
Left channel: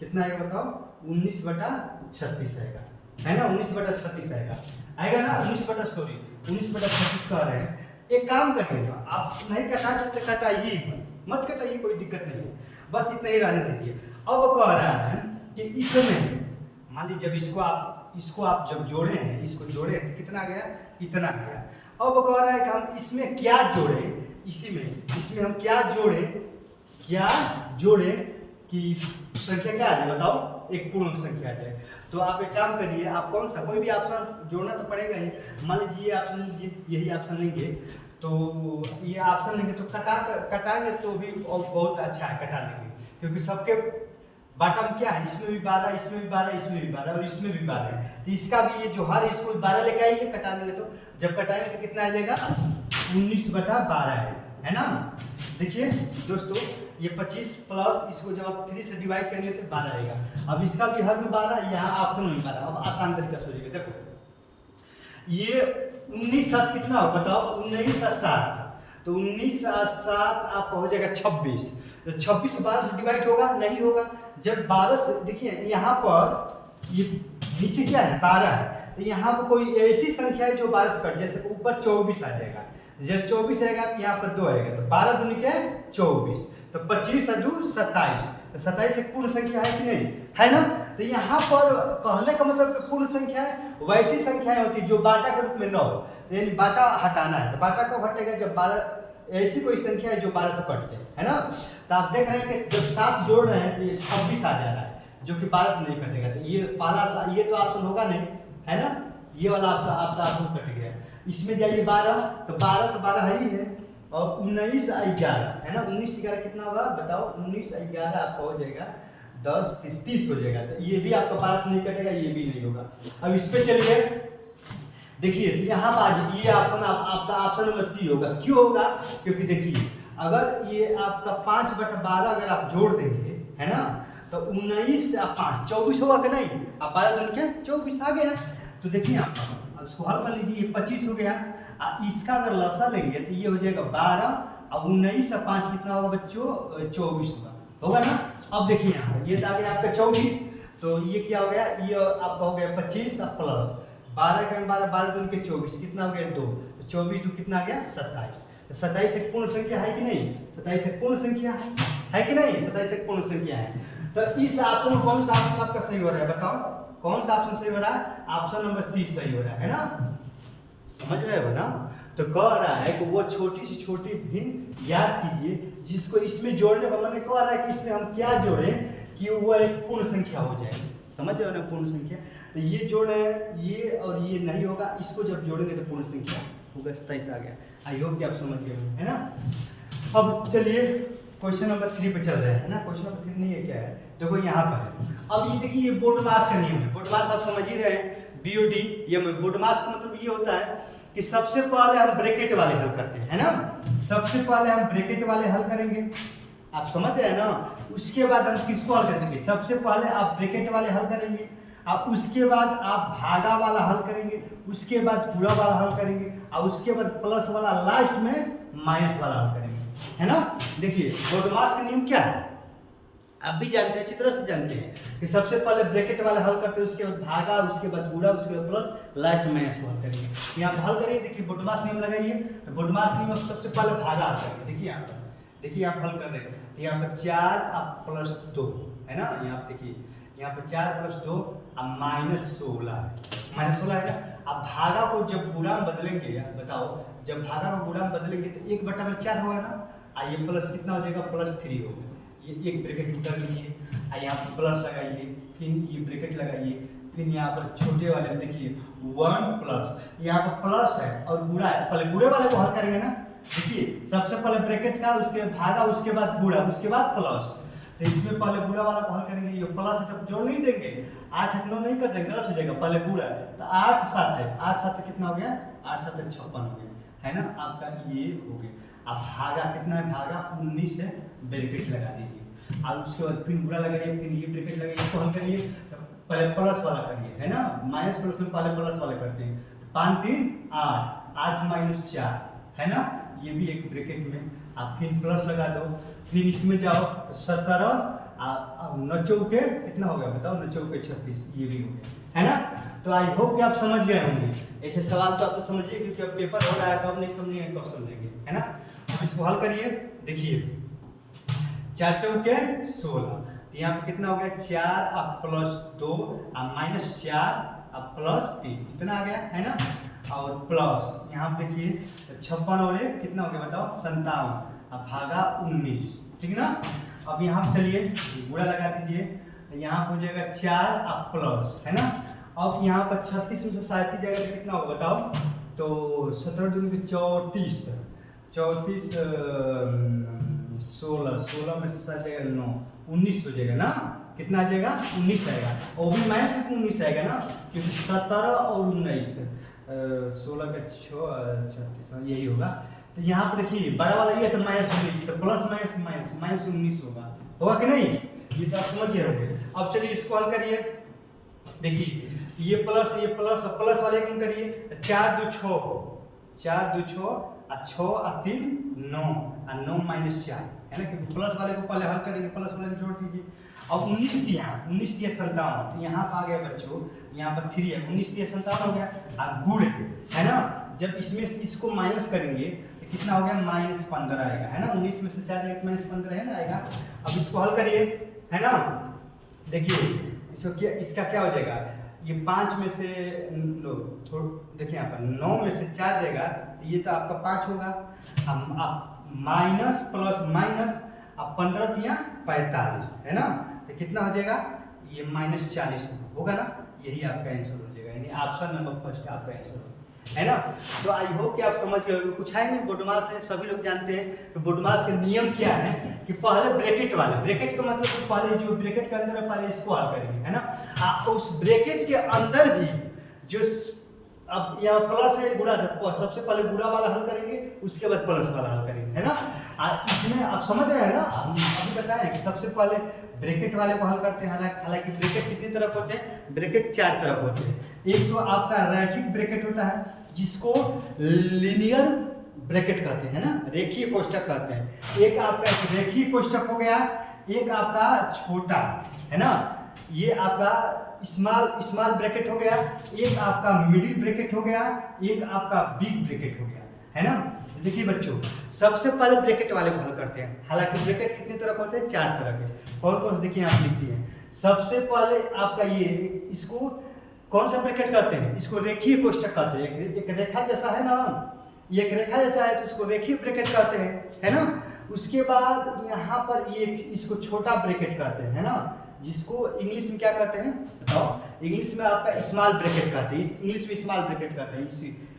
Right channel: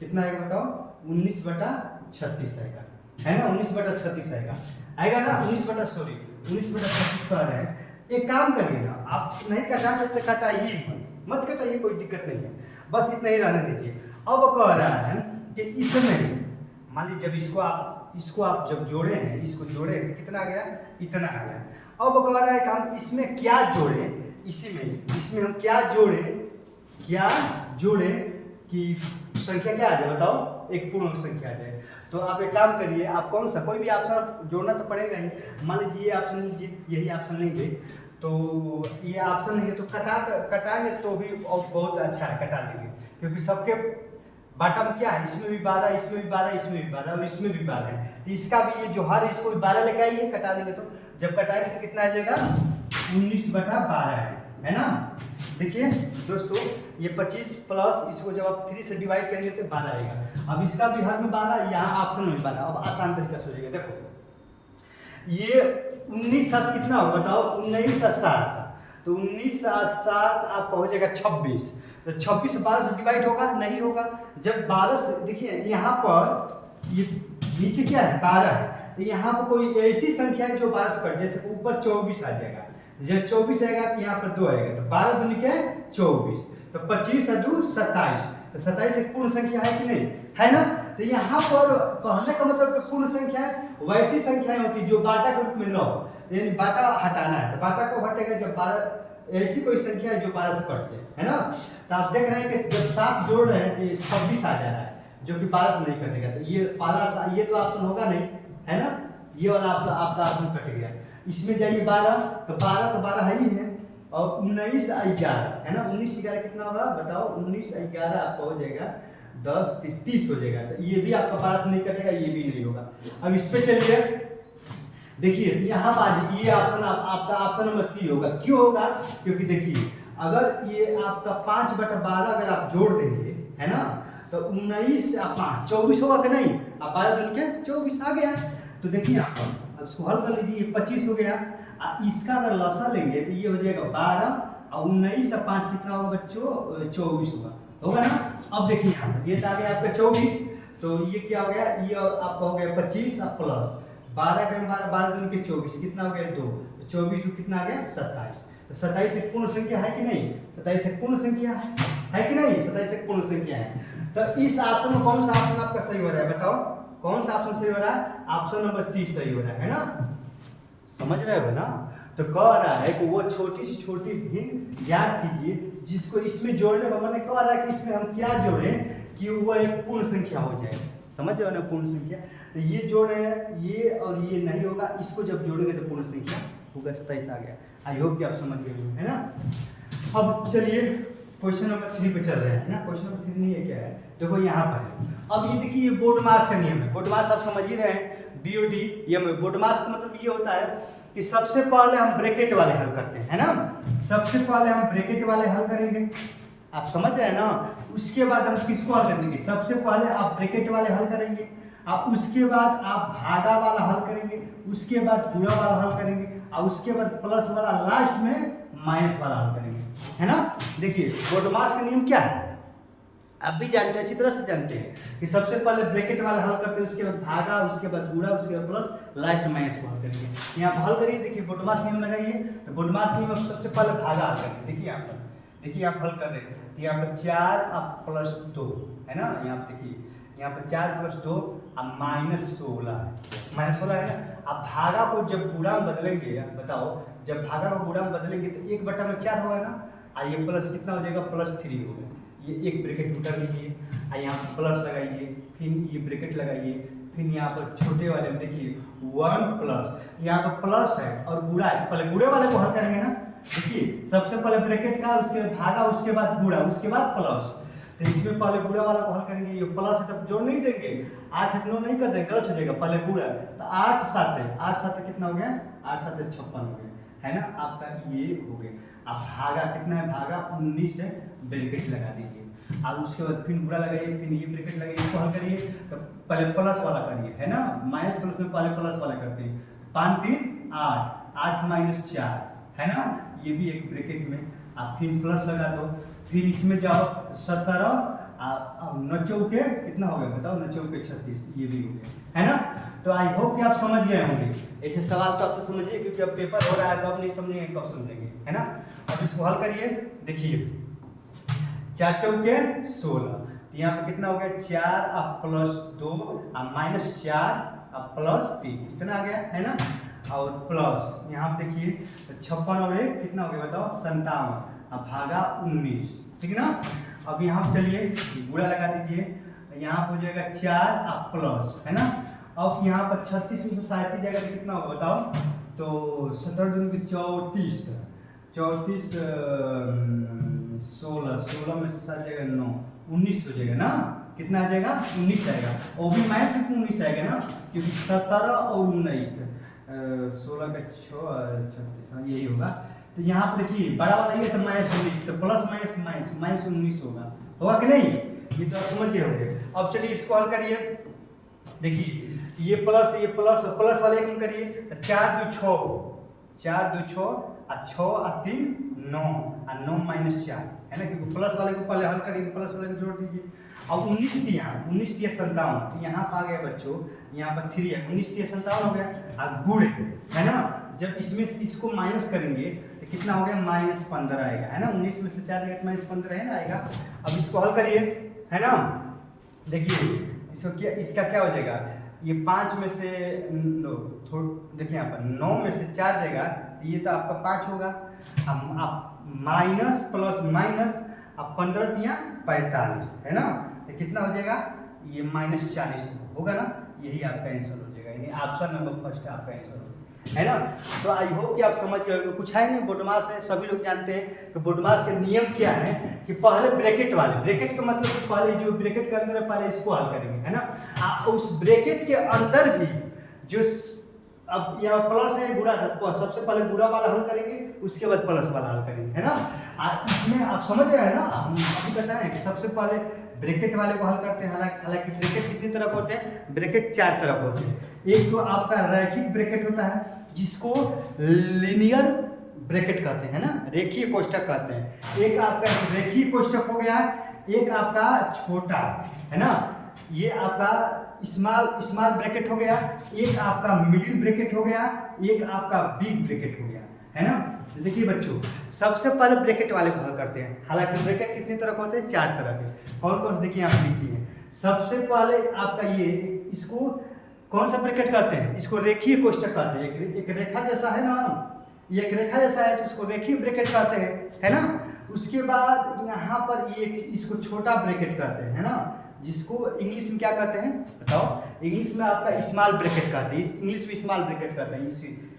कितना आएगा बताओ, 19/36 आएगा, है ना। 19/36 आएगा ना, 19/36 कह रहे हैं। एक काम करिएगा, आप नहीं कटा सकते कटाइए, मत कटाइए, कोई दिक्कत नहीं है, बस इतना ही रहने दीजिए। अब कह रहा है कि इसमें मान लीजिए जब इसको आप जब जोड़े हैं, इसको जोड़े तो कितना आ गया, इतना आ गया। अब कह रहा है कि हम इसमें क्या जोड़ें, इसमें हम क्या जोड़े कि संख्या क्या आ जाए बताओ, एक पूर्ण संख्या आ जाए। तो आप एक काम करिए, आप कौन सा कोई भी ऑप्शन जोड़ना तो पड़ेगा ही। मान लीजिए ये ऑप्शन लीजिए, यही ऑप्शन लेंगे, तो ये ऑप्शन लेंगे तो कटाएंगे तो भी बहुत अच्छा है, कटा लेंगे, क्योंकि सबके बाटा में क्या है, इसमें भी 12 इसमें भी 12 इसमें भी 12 और इसमें भी 12 है। तो इसका भी ये जो हर इसको 12 लेके आइए, कटा देंगे तो जब कटाएंगे तो कितना आ जाएगा 19/12 है ना। देखिए दोस्तों, ये 25 प्लस इसको जब आप 3 से डिवाइड करेंगे तो 12 आएगा। अब इसका भी हर में 12, यहाँ ऑप्शन में 12। अब आसान तरीका से हो जाएगा, देखो ये 19 7 कितना हो बताओ, 19 और 7, तो 19 और 7 आपका हो जाएगा 26। तो 26 12 से डिवाइड होगा नहीं होगा। जब 12 से, देखिए यहाँ पर ये नीचे क्या है 12 है, तो यहाँ पर कोई ऐसी संख्या है जो 12 से कट, जैसे ऊपर 24 आ जाएगा, जब 24 आएगा तो यहाँ पर 2 आएगा, तो 12 दूनी के 24, तो 25 और 2 27, तो 27 एक पूर्ण संख्या है कि नहीं, है ना। तो यहाँ पर कहने का मतलब पूर्ण संख्या है, वैसी संख्याएं होती है जो बाटा के रूप में न हो, तो यानी बाटा हटाना है, तो बाटा कब हटेगा जब 12 ऐसी कोई संख्या है जो 12 से कटते है ना। तो आप देख रहे हैं कि जब 7 जोड़ रहे हैं तो ये 26 आ जा रहा है, जो कि 12 से नहीं कटेगा, तो ये तो ऑप्शन होगा नहीं, है ना। ये वाला आपका ऑप्शन कट गया। इसमें जाइए 12, तो 12 है ही है, और 19 और 11 है ना। 19 11 कितना होगा बताओ, 19 और 11 आपका हो जाएगा 10 30 हो जाएगा, तो ये भी आपका 12 से नहीं कटेगा, ये भी नहीं होगा। अब इस पे चलिए, देखिए यहाँ पर ये ऑप्शन आपका ऑप्शन नंबर सी होगा। क्यों होगा, क्योंकि देखिए अगर ये आपका 5/12 अगर आप जोड़ देंगे, है ना, तो 19 और 5 24 होगा कि नहीं, आप 12 दूनी के 24 आ गया। तो देखिए अब इसको हल कर लीजिए, ये 25 हो गया, इसका अगर लसा लेंगे तो ये हो जाएगा 12 और 19 और 5 कितना होगा बच्चों, 24 होगा ना। अब देखिए यहाँ पर ये आ गया आपका 24, तो ये क्या हो गया, ये आपका हो गया 25 और प्लस 12 के 12 दूनी के 24 कितना हो गया 2, तो 24 2 कितना आ गया 27। तो 27 एक पूर्ण संख्या है कि नहीं, 27 एक पूर्ण संख्या है कि नहीं, 27 एक पूर्ण संख्या है। तो इस ऑप्शन में कौन सा ऑप्शन आपका सही हो रहा है बताओ, कौन सा ऑप्शन सही हो रहा है, ऑप्शन नंबर सी सही हो रहा है ना। समझ रहे हो ना। तो कह रहा है कि वो छोटी से छोटी हिंट याद कीजिए जिसको इसमें जोड़ने पर, मैंने कह रहा है कि इसमें हम क्या जोड़ें कि वो एक पूर्ण संख्या हो जाए, समझ रहे हो ना, पूर्ण संख्या। तो ये जोड़े ये और ये नहीं होगा, इसको जब जोड़ेंगे तो पूर्ण संख्या होगा, 27 आ गया। आई होप कि आप समझ गए है ना। अब चलिए क्वेश्चन नंबर 3 पे चल रहे हैं ना। क्वेश्चन नंबर 3 नहीं है, क्या है देखो यहाँ पर है। अब ये देखिए, ये बोर्ड मास का नियम है। बोर्ड मास आप समझ ही रहे हैं, BOD ये बोर्ड मास का मतलब ये होता है कि सबसे पहले हम ब्रैकेट वाले हल करते हैं, है ना। सबसे पहले हम ब्रैकेट वाले हल करेंगे, आप समझ रहे हैं ना। उसके बाद हम किसको हल करेंगे, सबसे पहले आप ब्रैकेट वाले हल करेंगे, अब उसके बाद आप भागा वाला हल करेंगे, उसके बाद पूरा वाला हल करेंगे, और उसके बाद प्लस वाला, लास्ट में माइनस वाला हल करेंगे, है ना। देखिए बोडमास का नियम क्या है, आप भी जानते हैं, अच्छी तरह से जानते हैं कि सबसे पहले ब्रैकेट वाला हल करते हैं, उसके बाद भागा, उसके बाद गुणा, उसके बाद प्लस, लास्ट माइनस को हल करेंगे। यहाँ पर हल करिए, देखिए बोडमास नियम लगाइए, तो बोडमास नियम में सबसे पहले भागा हल करेंगे। देखिए यहाँ पर, देखिए आप हल कर रहे हैं, तो यहाँ पर 4 अब प्लस 2, है ना। यहाँ पर देखिए, यहाँ पर 4 प्लस 2 अब -16 है ना। अब भागा को जब गुणा में बदलेंगे, बताओ, जब भागा को गुणा में बदलेंगे तो 1/4 होगा ना, और ये प्लस कितना हो जाएगा, +3 हो गया। ये एक ब्रैकेट में कर लीजिए, और यहाँ पर प्लस लगाइए, फिर ये ब्रैकेट लगाइए, फिर यहाँ पर छोटे वाले में देखिए 1 प्लस, यहाँ पर प्लस है और गुणा है, तो पहले गुणे वाले को हल करेंगे ना। देखिए सबसे पहले ब्रैकेट का, उसके बाद भागा, उसके बाद गुणा, उसके बाद प्लस, तो इसमें पहले गुणा वाला को हल करेंगे। ये प्लस है तब जोड़ नहीं देंगे, 8 है 9 नहीं कर देंगे, गलत हो जाएगा, पहले गुणा, तो 8 7 है, 8 7 कितना हो गया, 8 7 56 हो गया, है ना। आपका ये हो गया। अब भागा कितना है, भागा 19 है, ब्रैकेट लगा दीजिए, और उसके बाद फिर गुणा लगाइए, फिर ये ब्रैकेट लगाइए, इसको हल करिए, तो पहले प्लस वाला करिए, है ना। माइनस प्लस में पहले प्लस वाला करते हैं, 5 3 8, 8 - 4, है ना। ये भी एक ब्रैकेट में, आप फिर प्लस लगा दो, फिर इसमें जाओ 17, 9 चौके कितना हो गया बताओ, 9 चौके 36, ये भी हो गया, है ना। तो आई होप कि आप समझ गए होंगे। ऐसे सवाल तो आपको समझिए, क्योंकि अब पेपर हो रहा है, तो आप नहीं समझेंगे कब समझेंगे, है ना। अब इसको हल करिए, देखिए 4 चौके 16, तो यहाँ पे कितना हो गया, 4 अब प्लस 2 अब -4 अब प्लस 3, इतना आ गया, है ना। और प्लस यहाँ पे देखिए 56 और 1 कितना हो गया बताओ, 57, अब भागा 19, ठीक ना। अब यहाँ पे चलिए गुणा लगा दीजिए, यहाँ पे हो जाएगा 4 अब प्लस, है ना। अब यहाँ पर 36 में से 37 जगह पे कितना होगा बताओ, तो 17 दूनी 34, 34 16 में से 7 जाएगा 9, 19 हो जाएगा ना। कितना आ जाएगा, 19 आएगा, और भी माइनस में 19 आएगा ना, क्योंकि 17 और 19, 16 का 6 36 यही होगा। तो यहाँ पर देखिए बड़ा वाला ये तो -19, तो प्लस माइनस -19 होगा कि नहीं, ये तो आप समझ गए होंगे। अब चलिए इसको हल करिए, देखिए ये प्लस और प्लस वाले एक करिए, 4 2 6, 4 2 6 और 6 और 3 9 और 9 -4, है ना, क्योंकि प्लस वाले को पहले हल करिए, प्लस वाले को जोड़ दीजिए। अब 19 दिया 57, तो यहाँ पर आ गया बच्चों, यहाँ पर 3 है, 19 57 हो गया, और गुण है ना। जब इसमें इसको माइनस करेंगे तो कितना हो गया, -15 आएगा, है ना। 19 में से 4 -15 है ना आएगा। अब इसको हल करिए, है ना। देखिए इसको क्या, इसका क्या हो जाएगा, ये 5 में से देखिए यहाँ पर 9 में से 4 जाएगा, तो ये तो आपका 5 होगा। अब आप माइनस प्लस माइनस, अब 15 तिया 45, है ना, तो कितना हो जाएगा, ये -40 होगा ना। यही आपका आंसर हो जाएगा, यानी ऑप्शन नंबर फर्स्ट आपका आंसर होगा, है ना। तो आई होप कि आप समझ गए होंगे, कुछ है नहीं, बोडमास है, सभी लोग जानते हैं कि बोडमास का नियम क्या है, कि पहले ब्रैकेट वाले, ब्रैकेट का मतलब कि पहले जो ब्रैकेट के अंदर है पहले इसको हल करेंगे, है ना। उस ब्रैकेट के अंदर भी जो, अब यहाँ प्लस है गुणा, सबसे पहले गुणा वाला हल करेंगे, उसके बाद प्लस वाला हल करेंगे, है ना। इसमें आप समझ रहे हैं ना, हम अभी बताएं कि सबसे पहले ब्रैकेट वाले को हल करते हैं। हालांकि ब्रैकेट कितनी तरह के होते हैं, ब्रैकेट 4 तरह के होते हैं। एक तो आपका रैखिक ब्रैकेट होता है, जिसको लीनियर ब्रैकेट कहते हैं ना, रेखीय कोष्ठक कहते हैं। एक आपका रेखीय कोष्ठक हो गया, एक आपका छोटा, है ना, ये आपका स्मॉल ब्रैकेट हो गया, एक आपका मिडिल ब्रैकेट हो गया, एक आपका बिग ब्रैकेट हो गया, है ना। तो देखिए बच्चों, सबसे पहले ब्रैकेट वाले को हल करते हैं। हालांकि ब्रैकेट कितने तरह के होते हैं, 4 तरह के। कौन कौन से देखिए आप लिखती हैं। सबसे पहले आपका ये, इसको कौन सा ब्रैकेट कहते हैं, इसको रेखीय कोष्ठक कहते हैं। एक रेखा जैसा है ना, ये एक रेखा जैसा है, तो इसको रेखीय ब्रैकेट कहते हैं, है ना। उसके बाद यहाँ पर ये इसको छोटा ब्रैकेट कहते हैं, है ना, जिसको इंग्लिश में क्या कहते हैं बताओ, इंग्लिश में आपका स्मॉल ब्रैकेट कहते हैं, इंग्लिश में स्मॉल ब्रैकेट कहते हैं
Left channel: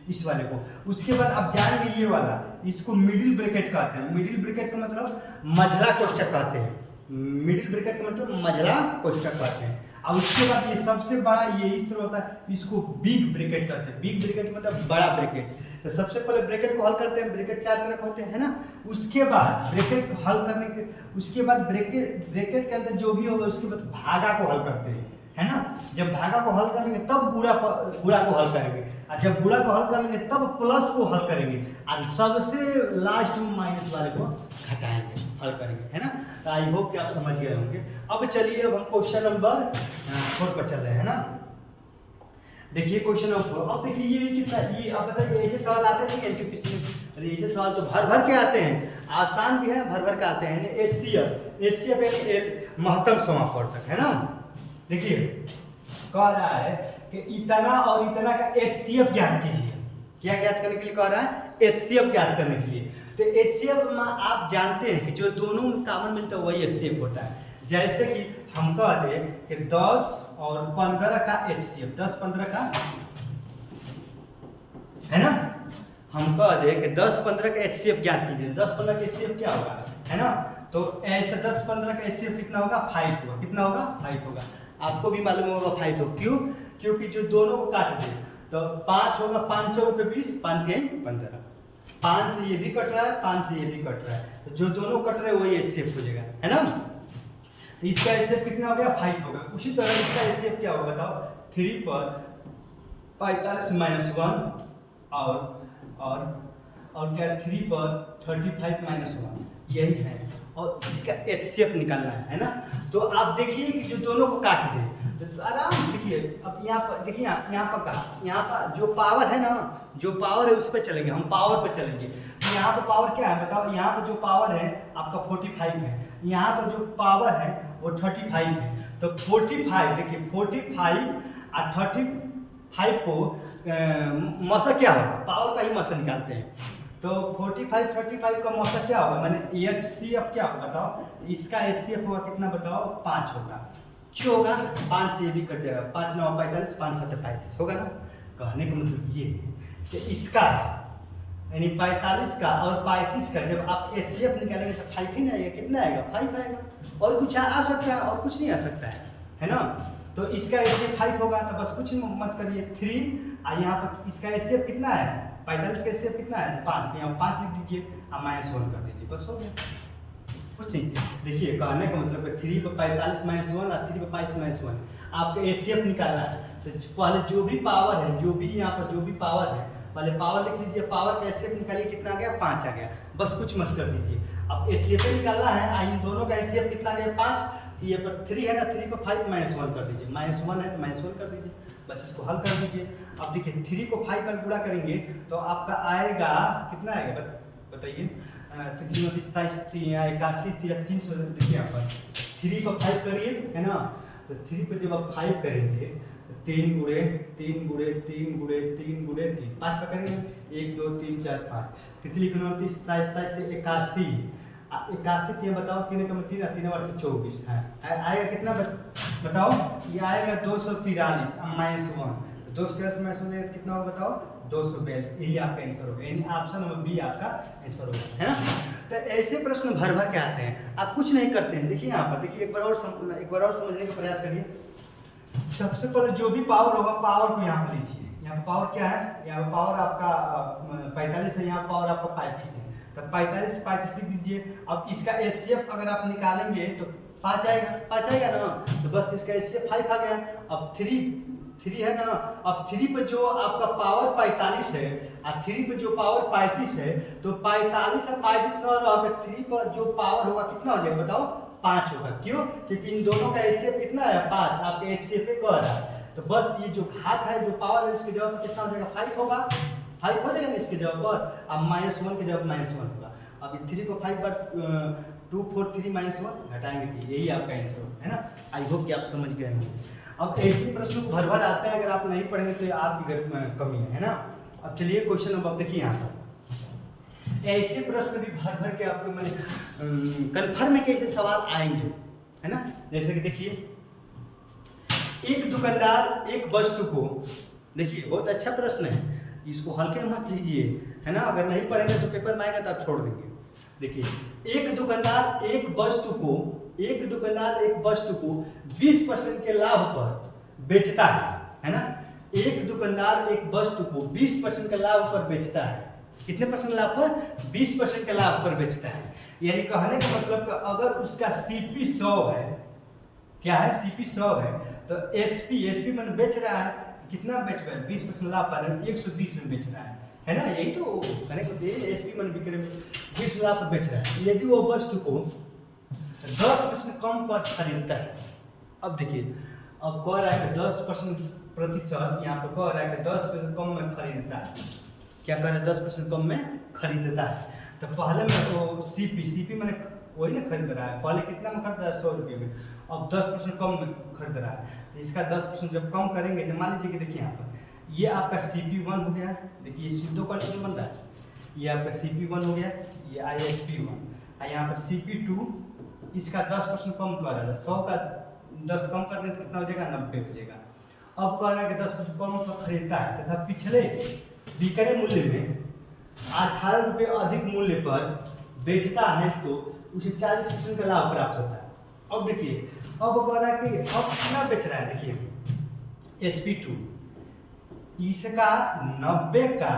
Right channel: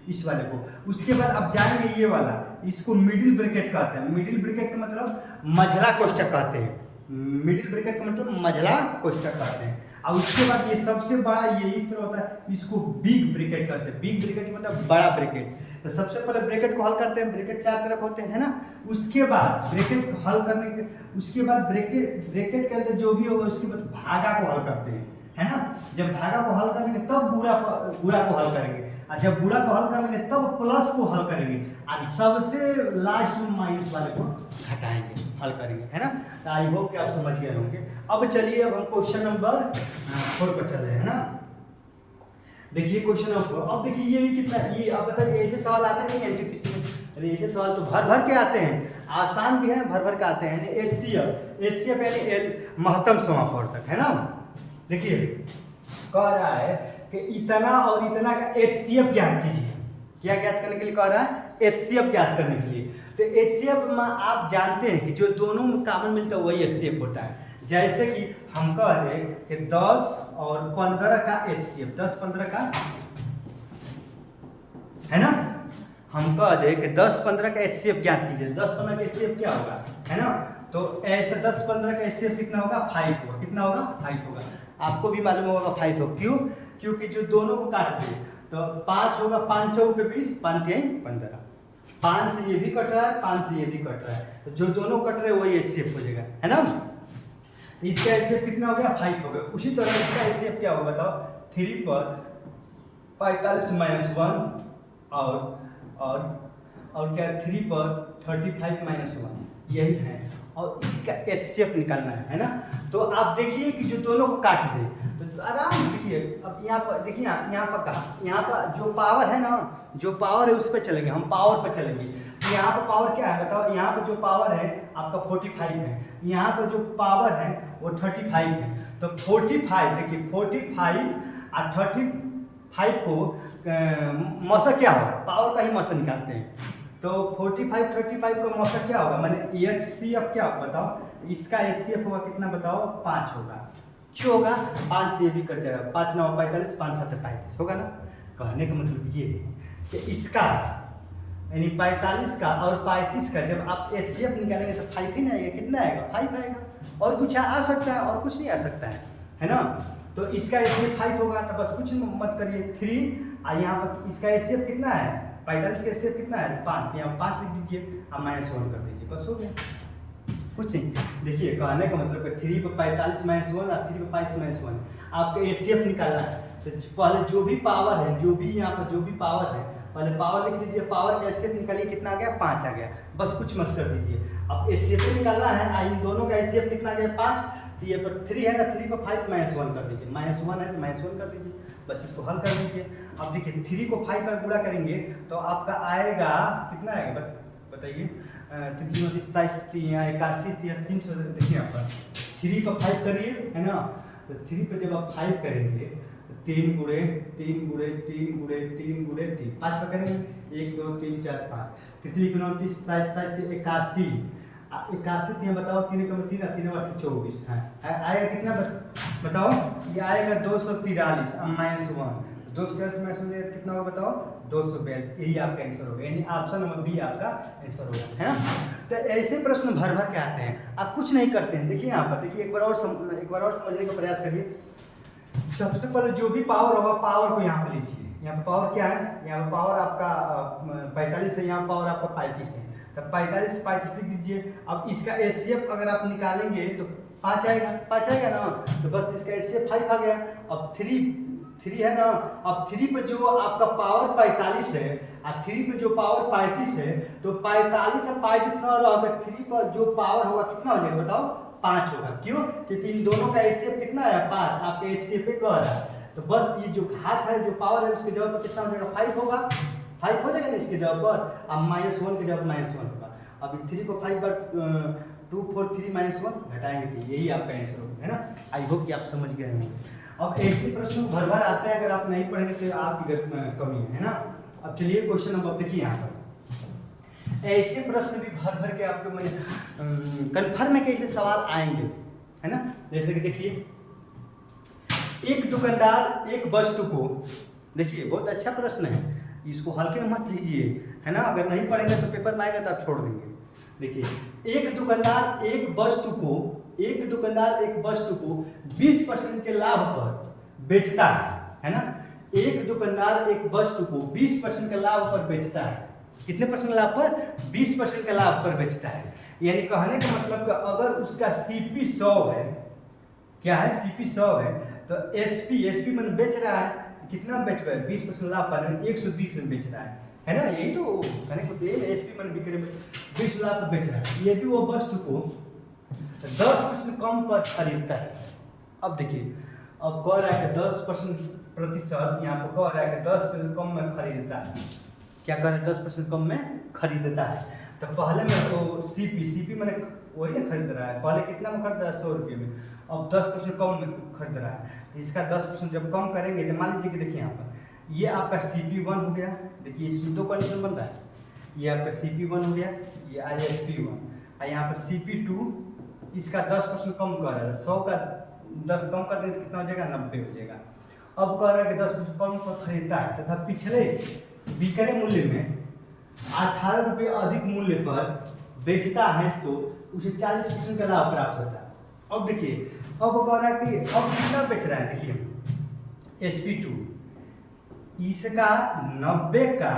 इस वाले को। उसके बाद आप जानेंगे ये वाला, इसको मिडिल ब्रैकेट कहते हैं। मिडिल ब्रैकेट का मतलब मझला कोष्ठक कहते हैं, मिडिल ब्रैकेट का मतलब मझला कोष्ठक कहते हैं। और उसके बाद ये सबसे बड़ा ये इस तरह होता है, इसको बिग ब्रैकेट कहते हैं। बिग ब्रैकेट मतलब बड़ा ब्रैकेट। तो सबसे पहले ब्रैकेट को हल करते हैं, ब्रैकेट 4 तरह के होते हैं, है ना। उसके बाद ब्रैकेट को हल करने के उसके बाद ब्रैकेट के अंदर जो भी होगा उसके बाद भागा को हल करते हैं, है ना। जब भागा को हल करेंगे तब गुणा को हल करेंगे, और जब गुणा को हल करेंगे तब प्लस को हल करेंगे, और सबसे लास्ट में माइनस वाले को घटाएंगे, हल करेंगे, है ना। तो आई होप कि आप समझ गए होंगे। अब चलिए अब हम क्वेश्चन नंबर 4 पर चल रहे हैं ना। देखिए क्वेश्चन नंबर 4। अब देखिए ये कितना, ये अब बताइए ऐसे सवाल आते नहीं है। अरे ऐसे सवाल तो भर भर के आते हैं, आसान भी है, भर भर के आते हैं। एचसीएफ यानी महत्तम समापवर्तक, है ना। देखिए कह रहा है कि इतना और इतना का एचसीएफ ज्ञात कीजिए। क्या ज्ञात करने के लिए कह रहा है? एचसीएफ ज्ञात करने के लिए। तो एचसीएफ में आप जानते हैं कि जो दोनों में कॉमन मिलता है वही एचसीएफ होता है। जैसे कि हम कह दें कि 10 और 15 का एचसीएफ, 10-15 का, है ना। हम कह दें कि 10-15 का एचसीएफ ज्ञात कीजिए। 10-15 का एचसीएफ क्या होगा, है ना। तो ऐसे 10-15 का एचसीएफ कितना होगा? 5 होगा। कितना होगा? 5 होगा। आपको भी मालूम होगा 5 होगा। क्यों? क्योंकि जो दोनों को काट दें तो 5 होगा, 5 चौक के 20, 5-3-15, 5 से ये भी कट रहा है, 5 से ये भी कट रहा है, तो जो दोनों कट रहे हैं वही एचसीएफ हो जाएगा, है ना। तो इसका एचसीएफ कितना हो गया? 5 हो गया। उसी तरह इसका एचसीएफ क्या होगा बताओ? 3 पर 45 माइनस 1 और क्या 3 पर 35 माइनस 1, यही है। और इसका एचसीएफ निकालना है ना। तो आप देखिए कि जो दोनों को काट दे तो आराम से देखिए। अब यहाँ पर देखिए, यहाँ पर कहा, यहाँ पर जो पावर है ना, जो पावर है उस पर चलेंगे, हम पावर पर चलेंगे। तो यहाँ पर पावर क्या है बताओ? यहाँ पर जो पावर है आपका 45 है, यहाँ पर जो पावर है वो 35 है। तो 45 देखिए, 45 और 35 को मौसर क्या हो? पावर का ही मौसर निकालते हैं। तो 45-35 का मौसर क्या होगा? मैंने एचसीएफ क्या होगा बताओ? इसका एचसीएफ होगा कितना बताओ? 5 होगा। क्यों होगा? 5 से ये भी कट जाएगा, 5-9 45, 5-7 35 होगा ना। कहने का मतलब ये है कि इसका यानी 45 का और 35 का जब आप एचसीएफ निकालेंगे तो 5 ही ना आएगा। कितना आएगा? 5 आएगा। और कुछ आ सकता है और कुछ नहीं आ सकता है ना। तो इसका एचसीएफ 5 होगा। तो बस कुछ मत करिए, 3 और यहाँ पर इसका एचसीएफ कितना है? 45 का एचसीएफ कितना है? 5। तो यहाँ 5 लिख दीजिए और -1 कर दीजिए, बस हो गया। कुछ नहीं। देखिए कहने का मतलब है 3 पर 45 माइनस 1 और 3 पर 5 माइनस 1 आपको एचसीएफ निकालना है। तो पहले जो भी पावर है, जो भी यहाँ पर जो भी पावर है, पहले पावर लिख लीजिए। पावर का एचसीएफ निकालिए, कितना आ गया? 5 आ गया। बस कुछ मत कर दीजिए। अब एचसीएफ निकालना है, इन दोनों का एचसीएफ कितना आ गया? 5। तो ये पर 3 है ना, 3 पर 5 -1 कर दीजिए। -1 है तो -1 कर दीजिए, बस इसको हल कर दीजिए। अब देखिए 3 को 5 पर गुणा करेंगे तो आपका आएगा कितना आएगा बताइए? 327, यहाँ 81, 300। देखिए यहाँ पर 3 पर 5 करिए, है ना। तो 3 पर जब आप 5 करेंगे तो 3 गुणे 3 गुणे 3 गुणे 3 गुणे 3, 5 पर करेंगे 1 2 3 4 5, 3 29 27 से 81, 81 3 बताओ, 3 3 3 24, आएगा कितना बताओ? ये आएगा 243 -1। 243 माइनस 1 कितना होगा बताओ? 242। यही आपका आंसर होगा, यानी ऑप्शन नंबर बी आपका आंसर होगा, है ना। तो ऐसे प्रश्न भर भर के आते हैं, आप कुछ नहीं करते हैं। देखिए यहाँ पर देखिए, एक बार और समझने का प्रयास करिए। सबसे पहले जो भी पावर होगा, पावर को यहाँ पर लीजिए। यहाँ पर पावर क्या है? यहाँ पर पावर आपका 45 है, यहाँ पावर आपका 35 है। तो 45 लिख दीजिए। अब इसका एचसीएफ अगर आप निकालेंगे तो 5 आएगा ना। तो बस इसका एचसीएफ 5 आ गया। अब 3 है ना। अब 3 पर जो आपका पावर 45 है और 3 पर जो पावर 35 है, तो 45 और 35 का होगा, 3 पर जो पावर होगा कितना हो जाएगा बताओ? 5 होगा। क्यों? क्योंकि इन दोनों का एचसीएफ कितना है? 5। आपके एचसीएफ पे कह रहा है। तो बस ये जो घात है, जो पावर है, उसके जवाब पर कितना हो जाएगा? 5 होगा। 5 हो जाएगा ना इसके जवाब पर। अब -1 के जवाब -1 होगा। अब 3 को 5 पर 2 4 3 -1 घटाएंगे तो यही आपका आंसर होगा, है ना। आई होप कि आप समझ गए होंगे। अब ऐसे प्रश्न भर भर आता है, अगर आप नहीं पढ़ेंगे तो आपकी कमी है ना। अब चलिए क्वेश्चन नंबर देखिए। यहाँ पर ऐसे प्रश्न भी भर भर के आपको मैंने कन्फर्म है कि ऐसे सवाल आएंगे, है ना। जैसे कि देखिए, एक दुकानदार एक वस्तु को, देखिए बहुत अच्छा प्रश्न है, इसको हल्के में मत लीजिए, है ना। अगर नहीं पढ़ेंगे तो पेपर में आएगा तो आप छोड़ देंगे। देखिए, एक दुकानदार एक वस्तु को एक दुकानदार एक वस्तु को 20% के लाभ पर बेचता है ना। एक दुकानदार एक वस्तु को 20% के लाभ पर बेचता है। कितने परसेंट लाभ पर? 20% के लाभ पर बेचता है। यानी कहने का मतलब कि अगर उसका सीपी 100 है, क्या है, सीपी 100 है, तो एसपी मैंने बेच रहा है, कितना बेच रहा है? 20% लाभ पर 120 में बेच रहा है ना। यही तो कहने को एसपी मैंने बिक्री में 20 लाभ पर बेच रहा है। यदि वो वस्तु को 10% कम पर खरीदता है, अब देखिए, अब कह रहा है कि 10% यहाँ पर कह रहा है कि 10% कम में खरीदता है। क्या कह रहा है? 10% कम में खरीदता है। तो पहले में तो सीपी मैंने वही ना खरीद रहा है, पहले कितना में खरीद रहा है? 100 रुपये में, अब 10% कम में खरीद रहा है। तो इसका 10% जब कम करेंगे तो मान लीजिए कि देखिए यहाँ पर ये आपका CP1 हो गया। देखिए इसमें दो कंडीशन बन रहा है, ये आपका CP1 हो गया, ये ISP1, और यहाँ पर CP2 इसका 10% कम कर रहा है। 100 का 10 कम कर दें तो कितना हो जाएगा? 90 हो जाएगा। अब कह रहा है कि 10% कम पर खरीदता है तथा पिछले बिक्री मूल्य में 18 रुपये अधिक मूल्य पर बेचता है तो उसे 40% का लाभ प्राप्त होता है। अब देखिए, अब कह रहा है कि अब कितना बेच रहा है? देखिए SP2 इसका 90 का,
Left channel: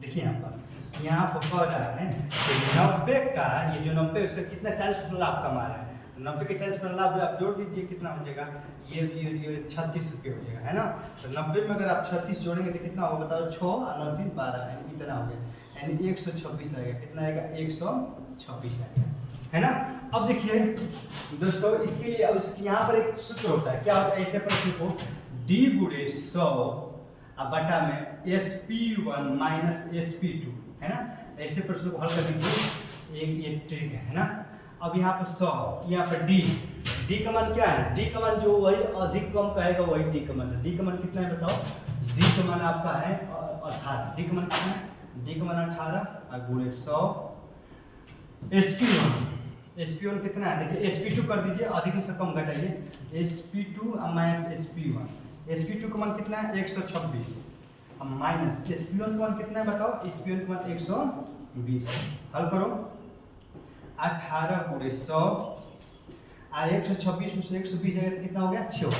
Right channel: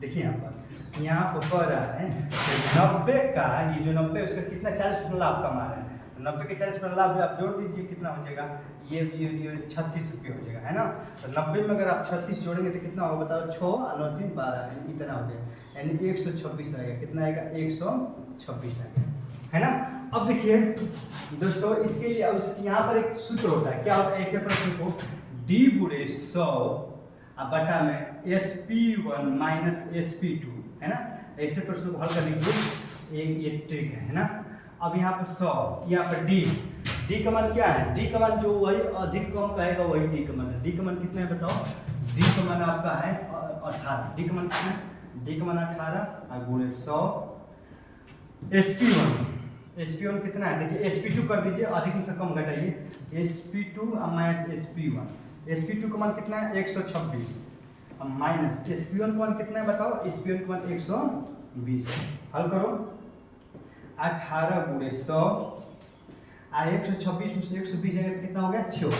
देखिए यहाँ पर कह रहा है कि 90 का, ये जो 90 उसका कितना 40% लाभ कमा रहा है। 90 के 40% लाभ आप जोड़ दीजिए, कितना हो जाएगा? ये 36 रुपये हो जाएगा, है ना। तो 90 में अगर आप 36 जोड़ेंगे तो कितना होगा बताओ? 6 और 9 3 12, यानी इतना हो गया, यानी 126 आएगा। कितना आएगा? 126 आएगा, है ना। अब देखिए दोस्तों, इसके लिए अब यहाँ पर एक सूत्र होता है। क्या होता है? ऐसे प्रश्न को D गुणे 100 बटा में SP1 माइनस SP2, है ना। ऐसे प्रश्न को हल करने के लिए एक ये ट्रिक है ना। अब यहाँ पर 100, यहाँ पर D का मान क्या है? D का मान जो वही अधिक कम कहेगा वही D का मान है। D का मान कितना है बताओ? D का मान आपका है 18। D का मान कितना है? D का मान 18 और गुणे 100। SP1 कितना है? देखिए SP2 कर दीजिए, अधिक से कम घटाइए, SP2 माइनस SP1। SP2 का मान कितना है? 126, अब माइनस SP1 का मान कितना है बताओ? SP1 का मान 120। हल करो, 18 गुणे 100 126 में से 120 आएगा तो कितना हो गया? 6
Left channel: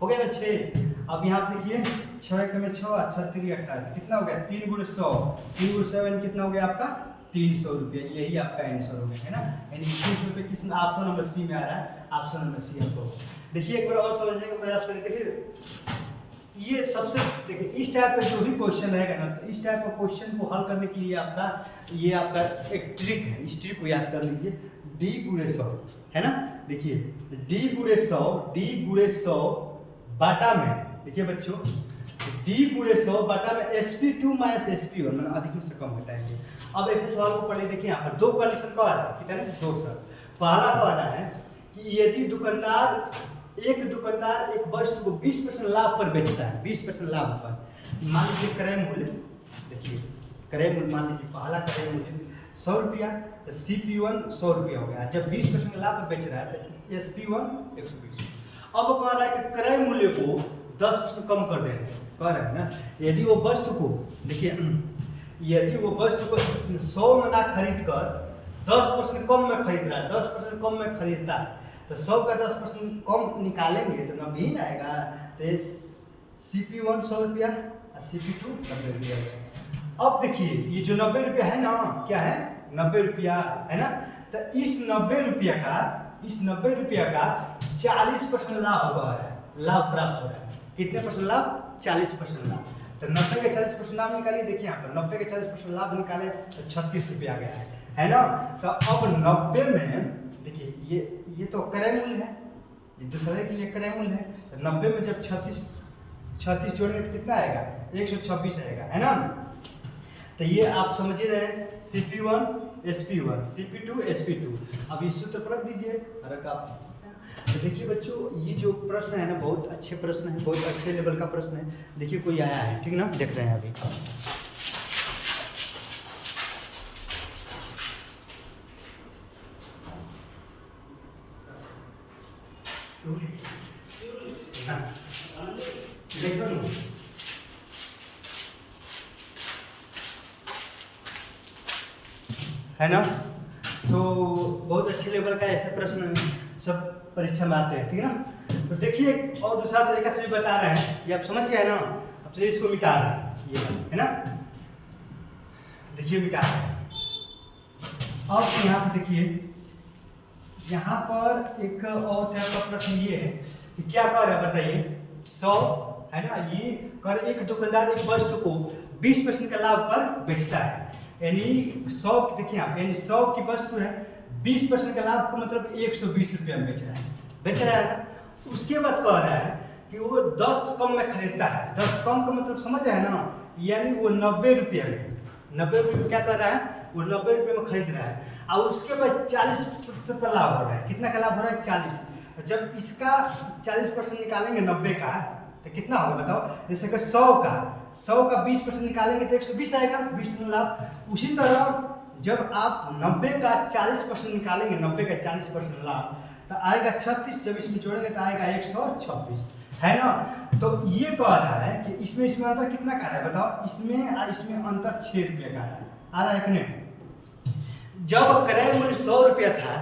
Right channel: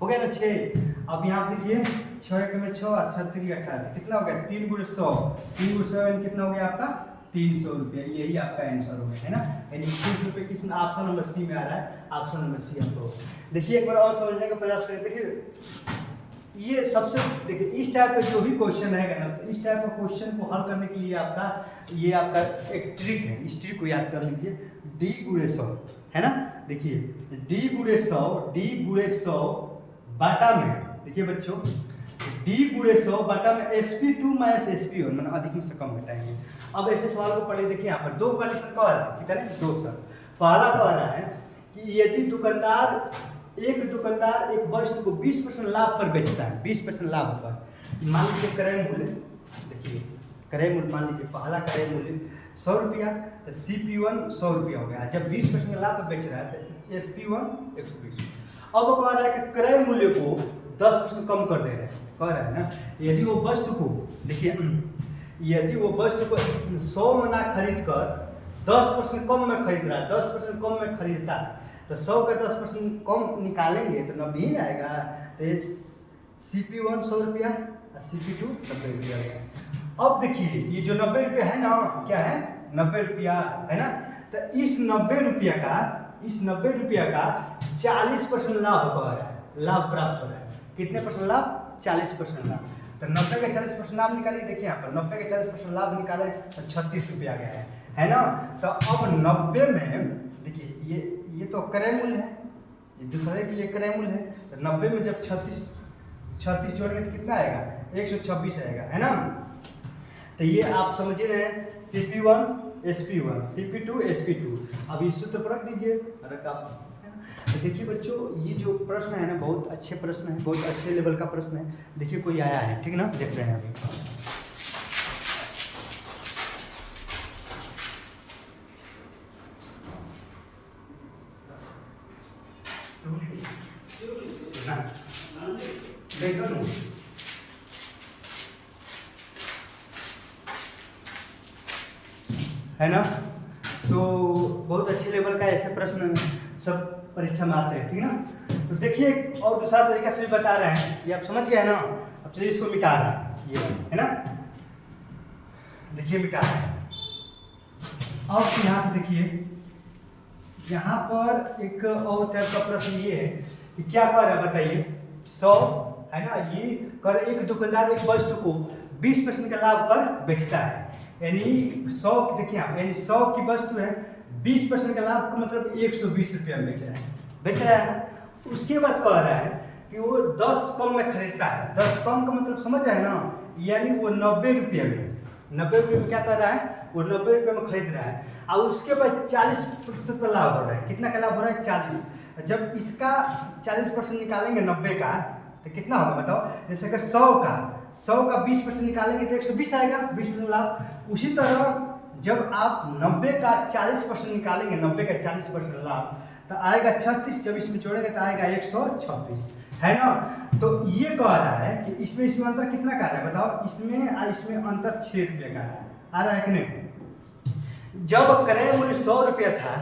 हो गया ना, 6। अब यहाँ पे देखिए 6 एक में 6 और 6 3 18, कितना हो गया? 3 गुणे 100, 3 गुणे 100 कितना हो गया आपका? 300 रुपये। यही आपका आंसर हो गया, है ना। यानी 300 रुपये किस ऑप्शन नंबर सी में आ रहा है? ऑप्शन नंबर सी आपको। देखिए एक बार और समझने का प्रयास करें। देखिए ये सबसे, देखिए इस टाइप का जो भी क्वेश्चन रहेगा ना, तो इस टाइप का क्वेश्चन को हल करने के लिए आपका ये आपका एक ट्रिक है। इस ट्रिक को याद कर लीजिए, D गुणे 100, है ना। देखिए D गुणे 100 बाटा में, देखिए बच्चों D गुणे 100 बाटा में SP2 माइनस SP1, मतलब अधिक में से कम घटाएंगे। अब ऐसे सवाल को पढ़िए। देखिए यहाँ पर दो कंडीशन कह रहा है, कितने? 2 सर। पहला कह रहा है कि यदि एक दुकानदार एक वस्तु को 20% लाभ पर बेचता है, 20% लाभ पर, मान लीजिए क्रय मूल्य, देखिए क्रय मूल्य मान लीजिए पहला क्रय मूल्य 100 रुपया, तो CP1 100 रुपया हो गया। जब 20% लाभ पर बेच रहा है तो SP1 120। अब वो कह रहा है कि क्रय मूल्य को 10% कम कर दे रहे हैं, कह रहा है ना। यदि वो वस्तु को, देखिए यदि वो वस्तु को 100 में ना खरीद कर 10% कम में खरीद रहा है, 10% कम में खरीदता है, तो 100 का 10% कम निकालेंगे तो 90 ही आएगा। तो CP1 100 रुपया और CP2 90 रुपया हो गया। अब देखिए ये जो 90 रुपया है ना, क्या है? 90 रुपया, है ना। तो इस 90 रुपया का 40% लाभ हो रहा है, लाभ प्राप्त हो रहा है। कितने परसेंट लाभ? 40% लाभ। तो 90 का 40% लाभ निकालिए। देखिए यहाँ पर 90 का 40% लाभ निकाले तो 36 रुपया गया है ना। तो अब 90 में देखिए ये तो क्रय मूल्य है, ये दूसरे के लिए क्रय मूल्य है। तो 90 में जब 36 जोड़ेंगे तो कितना आएगा? 126 आएगा, है ना। तो ये आप समझ ही रहे हैं, CP1 SP1, CP2 SP2। अब इस सूत्र पर रख दीजिए, रख आप। तो देखिए बच्चों, ये जो प्रश्न है ना, बहुत अच्छे प्रश्न है, बहुत अच्छे लेवल का प्रश्न है। देखिए कोई आया है, ठीक ना, देख रहे हैं अभी। देखो ना, है ना। तो बहुत अच्छे लेवल का ऐसे प्रश्न सब परीक्षा में आते हैं, ठीक है ना। तो देखिए और दूसरा तरीका से भी बता रहे हैं, ये आप समझ गए हैं ना। अब चलिए इसको मिटा रहे हैं, ये है ना, देखिए मिटा रहे हैं। अब यहाँ पर देखिए, यहाँ पर एक और टाइप का प्रश्न ये है कि क्या कर रहा है बताइए, 100 है ना, ये कर एक दुकानदार एक वस्तु को 20% का लाभ पर बेचता है, यानी 100 देखिए आप, यानी 100 की वस्तु है, 20% का लाभ का मतलब 120 रुपया में बेच रहा है। उसके बाद कह रहा है कि वो 10 कम में खरीदता है, 10 कम का मतलब समझ रहे हैं ना, यानी वो 90 रुपये में क्या कर रहा है, वो 90 रुपये में खरीद रहा है, और उसके बाद 40% का लाभ हो रहा है। कितना का लाभ हो रहा है, 40। जब इसका 40% निकालेंगे 90 का तो कितना होगा बताओ, जैसे कि 100 का 20% निकालेंगे तो 120 आएगा, 20% लाभ। उसी तरह जब आप 90 का 40% निकालेंगे, 90 का 40% लाभ तो आएगा 36, जब इसमें जोड़ेंगे तो आएगा 126, है ना। तो ये कह रहा है कि इसमें अंतर कितना का रहा है बताओ, इसमें अंतर 6 रुपये का आ रहा है कि नहीं। जब क्रय मूल्य 100 रुपया था,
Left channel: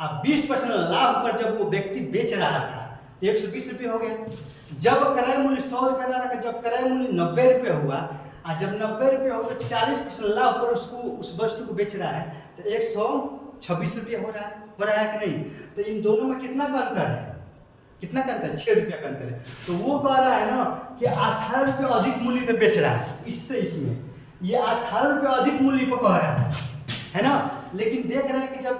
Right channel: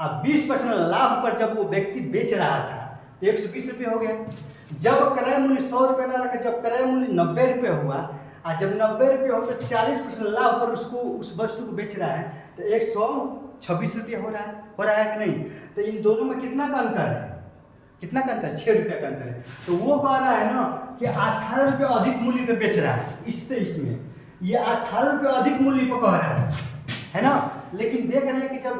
अब 20% लाभ पर जब वो व्यक्ति बेच रहा था तो 120 रुपये हो गया। जब क्रय मूल्य 100 रुपये ना रखा, जब क्रय मूल्य 90 रुपये हुआ, और जब 90 रुपये हो तो 40% लाभ पर उसको उस वस्तु को बेच रहा है तो 126 रुपये हो रहा है कि नहीं। तो इन दोनों में कितना का अंतर है, कितना का अंतर, 6 रुपये का अंतर है। तो वो कह रहा है ना कि 18 रुपये अधिक मूल्य पे बेच रहा है, इसमें ये 18 रुपये अधिक मूल्य पे कह रहा है ना। लेकिन देख रहे हैं कि जब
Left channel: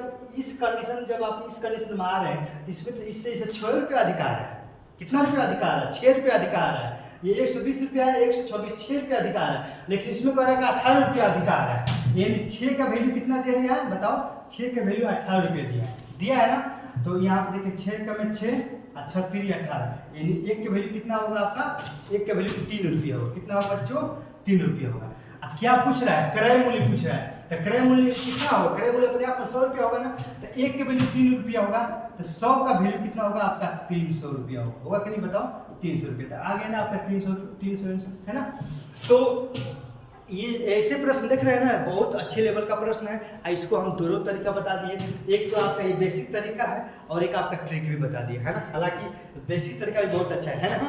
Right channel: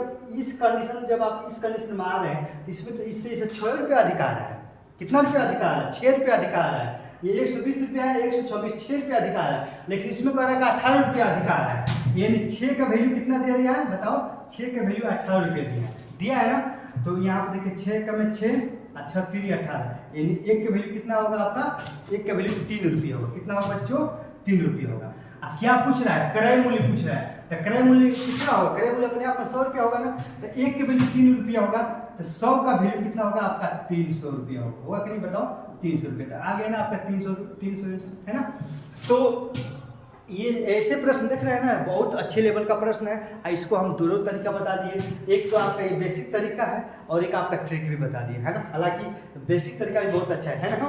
आप इस कंडीशन में आ रहे हैं तो इसमें तो इससे 6 रुपये अधिक आ रहा है। कितना रुपये अधिक आ रहा है, 6 रुपये अधिक आ रहा है। ये 120 रुपया है, 126, 6 रुपये अधिक आ रहा है। लेकिन इसमें कह रहा है कि 18 रुपया अधिक आ रहा है, यानी 6 का वैल्यू कितना दे दिया है बताओ, 6 का वैल्यू 18 रुपये दिया है ना। तो यहाँ पर देखिए 6 का में 6, 6 18, यानी 1 का वैल्यू कितना होगा आपका, 1 का वैल्यू 3 रुपये होगा। कितना होगा बच्चों, 3 रुपये होगा। अब क्या पूछ रहा है, क्रय मूल्य पूछ रहा है, तो क्रय मूल्य कितना होगा, क्रय मूल्य अपने आप में 100 रुपया होगा ना, तो 1 के वैल्यू 3 रुपया होगा, तो 100 का वैल्यू कितना होगा आपका, 300 रुपया होगा कि नहीं बताओ, 300 रुपये तक आ गया ना आपका, 300 है ना। तो ये ऐसे प्रश्न देख रहे हैं ना, बहुत अच्छे लेवल का प्रश्न है। इसको हम दोनों तरीका बता दिए, एक तो आपका ये बेसिक तरीका है और एक आपका ट्रिक भी बता दिए, है ना। हालांकि बेसिक तरीका भी बहुत अच्छा है ना।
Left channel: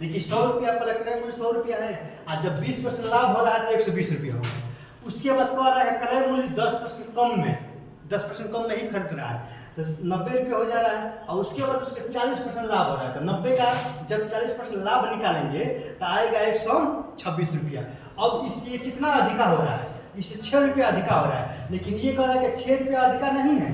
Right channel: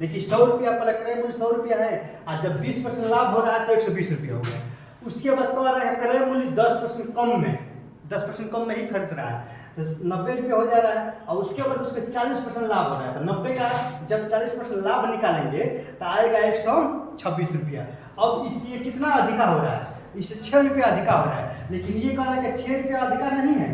देखिए 100 रुपया पर क्रय मूल्य 100 रुपया है, और जब 20% लाभ हो रहा है तो 120 रुपया हो गया। उसके बाद कह रहा है क्रय मूल्य 10% कम में ही खरीद रहा है, तो 90 रुपये हो जा रहा है, और उसके बाद उसका 40% लाभ हो रहा है। तो 90 का जब 40% लाभ निकालेंगे तो आएगा 126 रुपया। अब ये कितना अधिका हो रहा है, इससे 6 रुपया अधिका हो रहा है। लेकिन ये कह रहा है कि 6 रुपया अधिका नहीं है,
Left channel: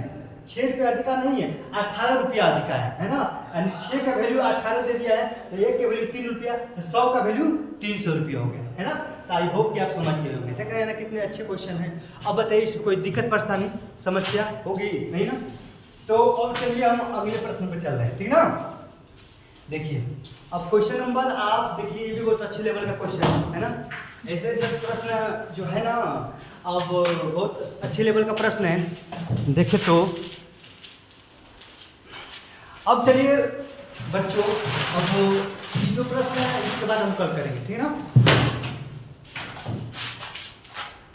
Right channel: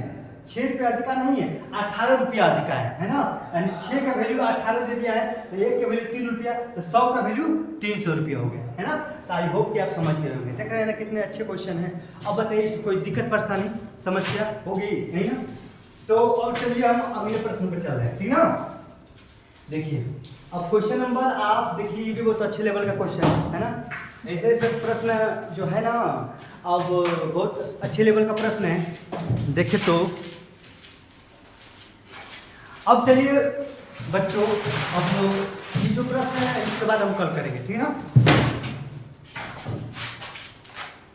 6 रुपया अधिका नहीं है, 18 रुपया अधिका है ना। यानी 6 का वैल्यू 18 दे दिया है, तो 1 का वैल्यू 3 रुपया, तो 100 का वैल्यू 300 रुपया हो गया, है ना। तो आई होप कि आप समझ गए होंगे। देख रहे हैं ना कितने अच्छे क्वेश्चन हैं। अब बताइए इसमें कोई दिक्कत परेशानी समस्या होगी नहीं ना। तो और चलिए हम अगले प्रश्न पर चल रहे हैं, ठीक ना। देखिए अब क्वेश्चन नंबर आप देखिए, ये भी बहुत अच्छे लेवल का क्वेश्चन है ना। ऐसे प्रश्न जो है ना, अब बहुत अच्छे लेवल का प्रश्न है। देखिए तो अब चलिए बच्चों, अब ये जो प्रश्न है इसके बाद हम कल करेंगे, ठीक है ना।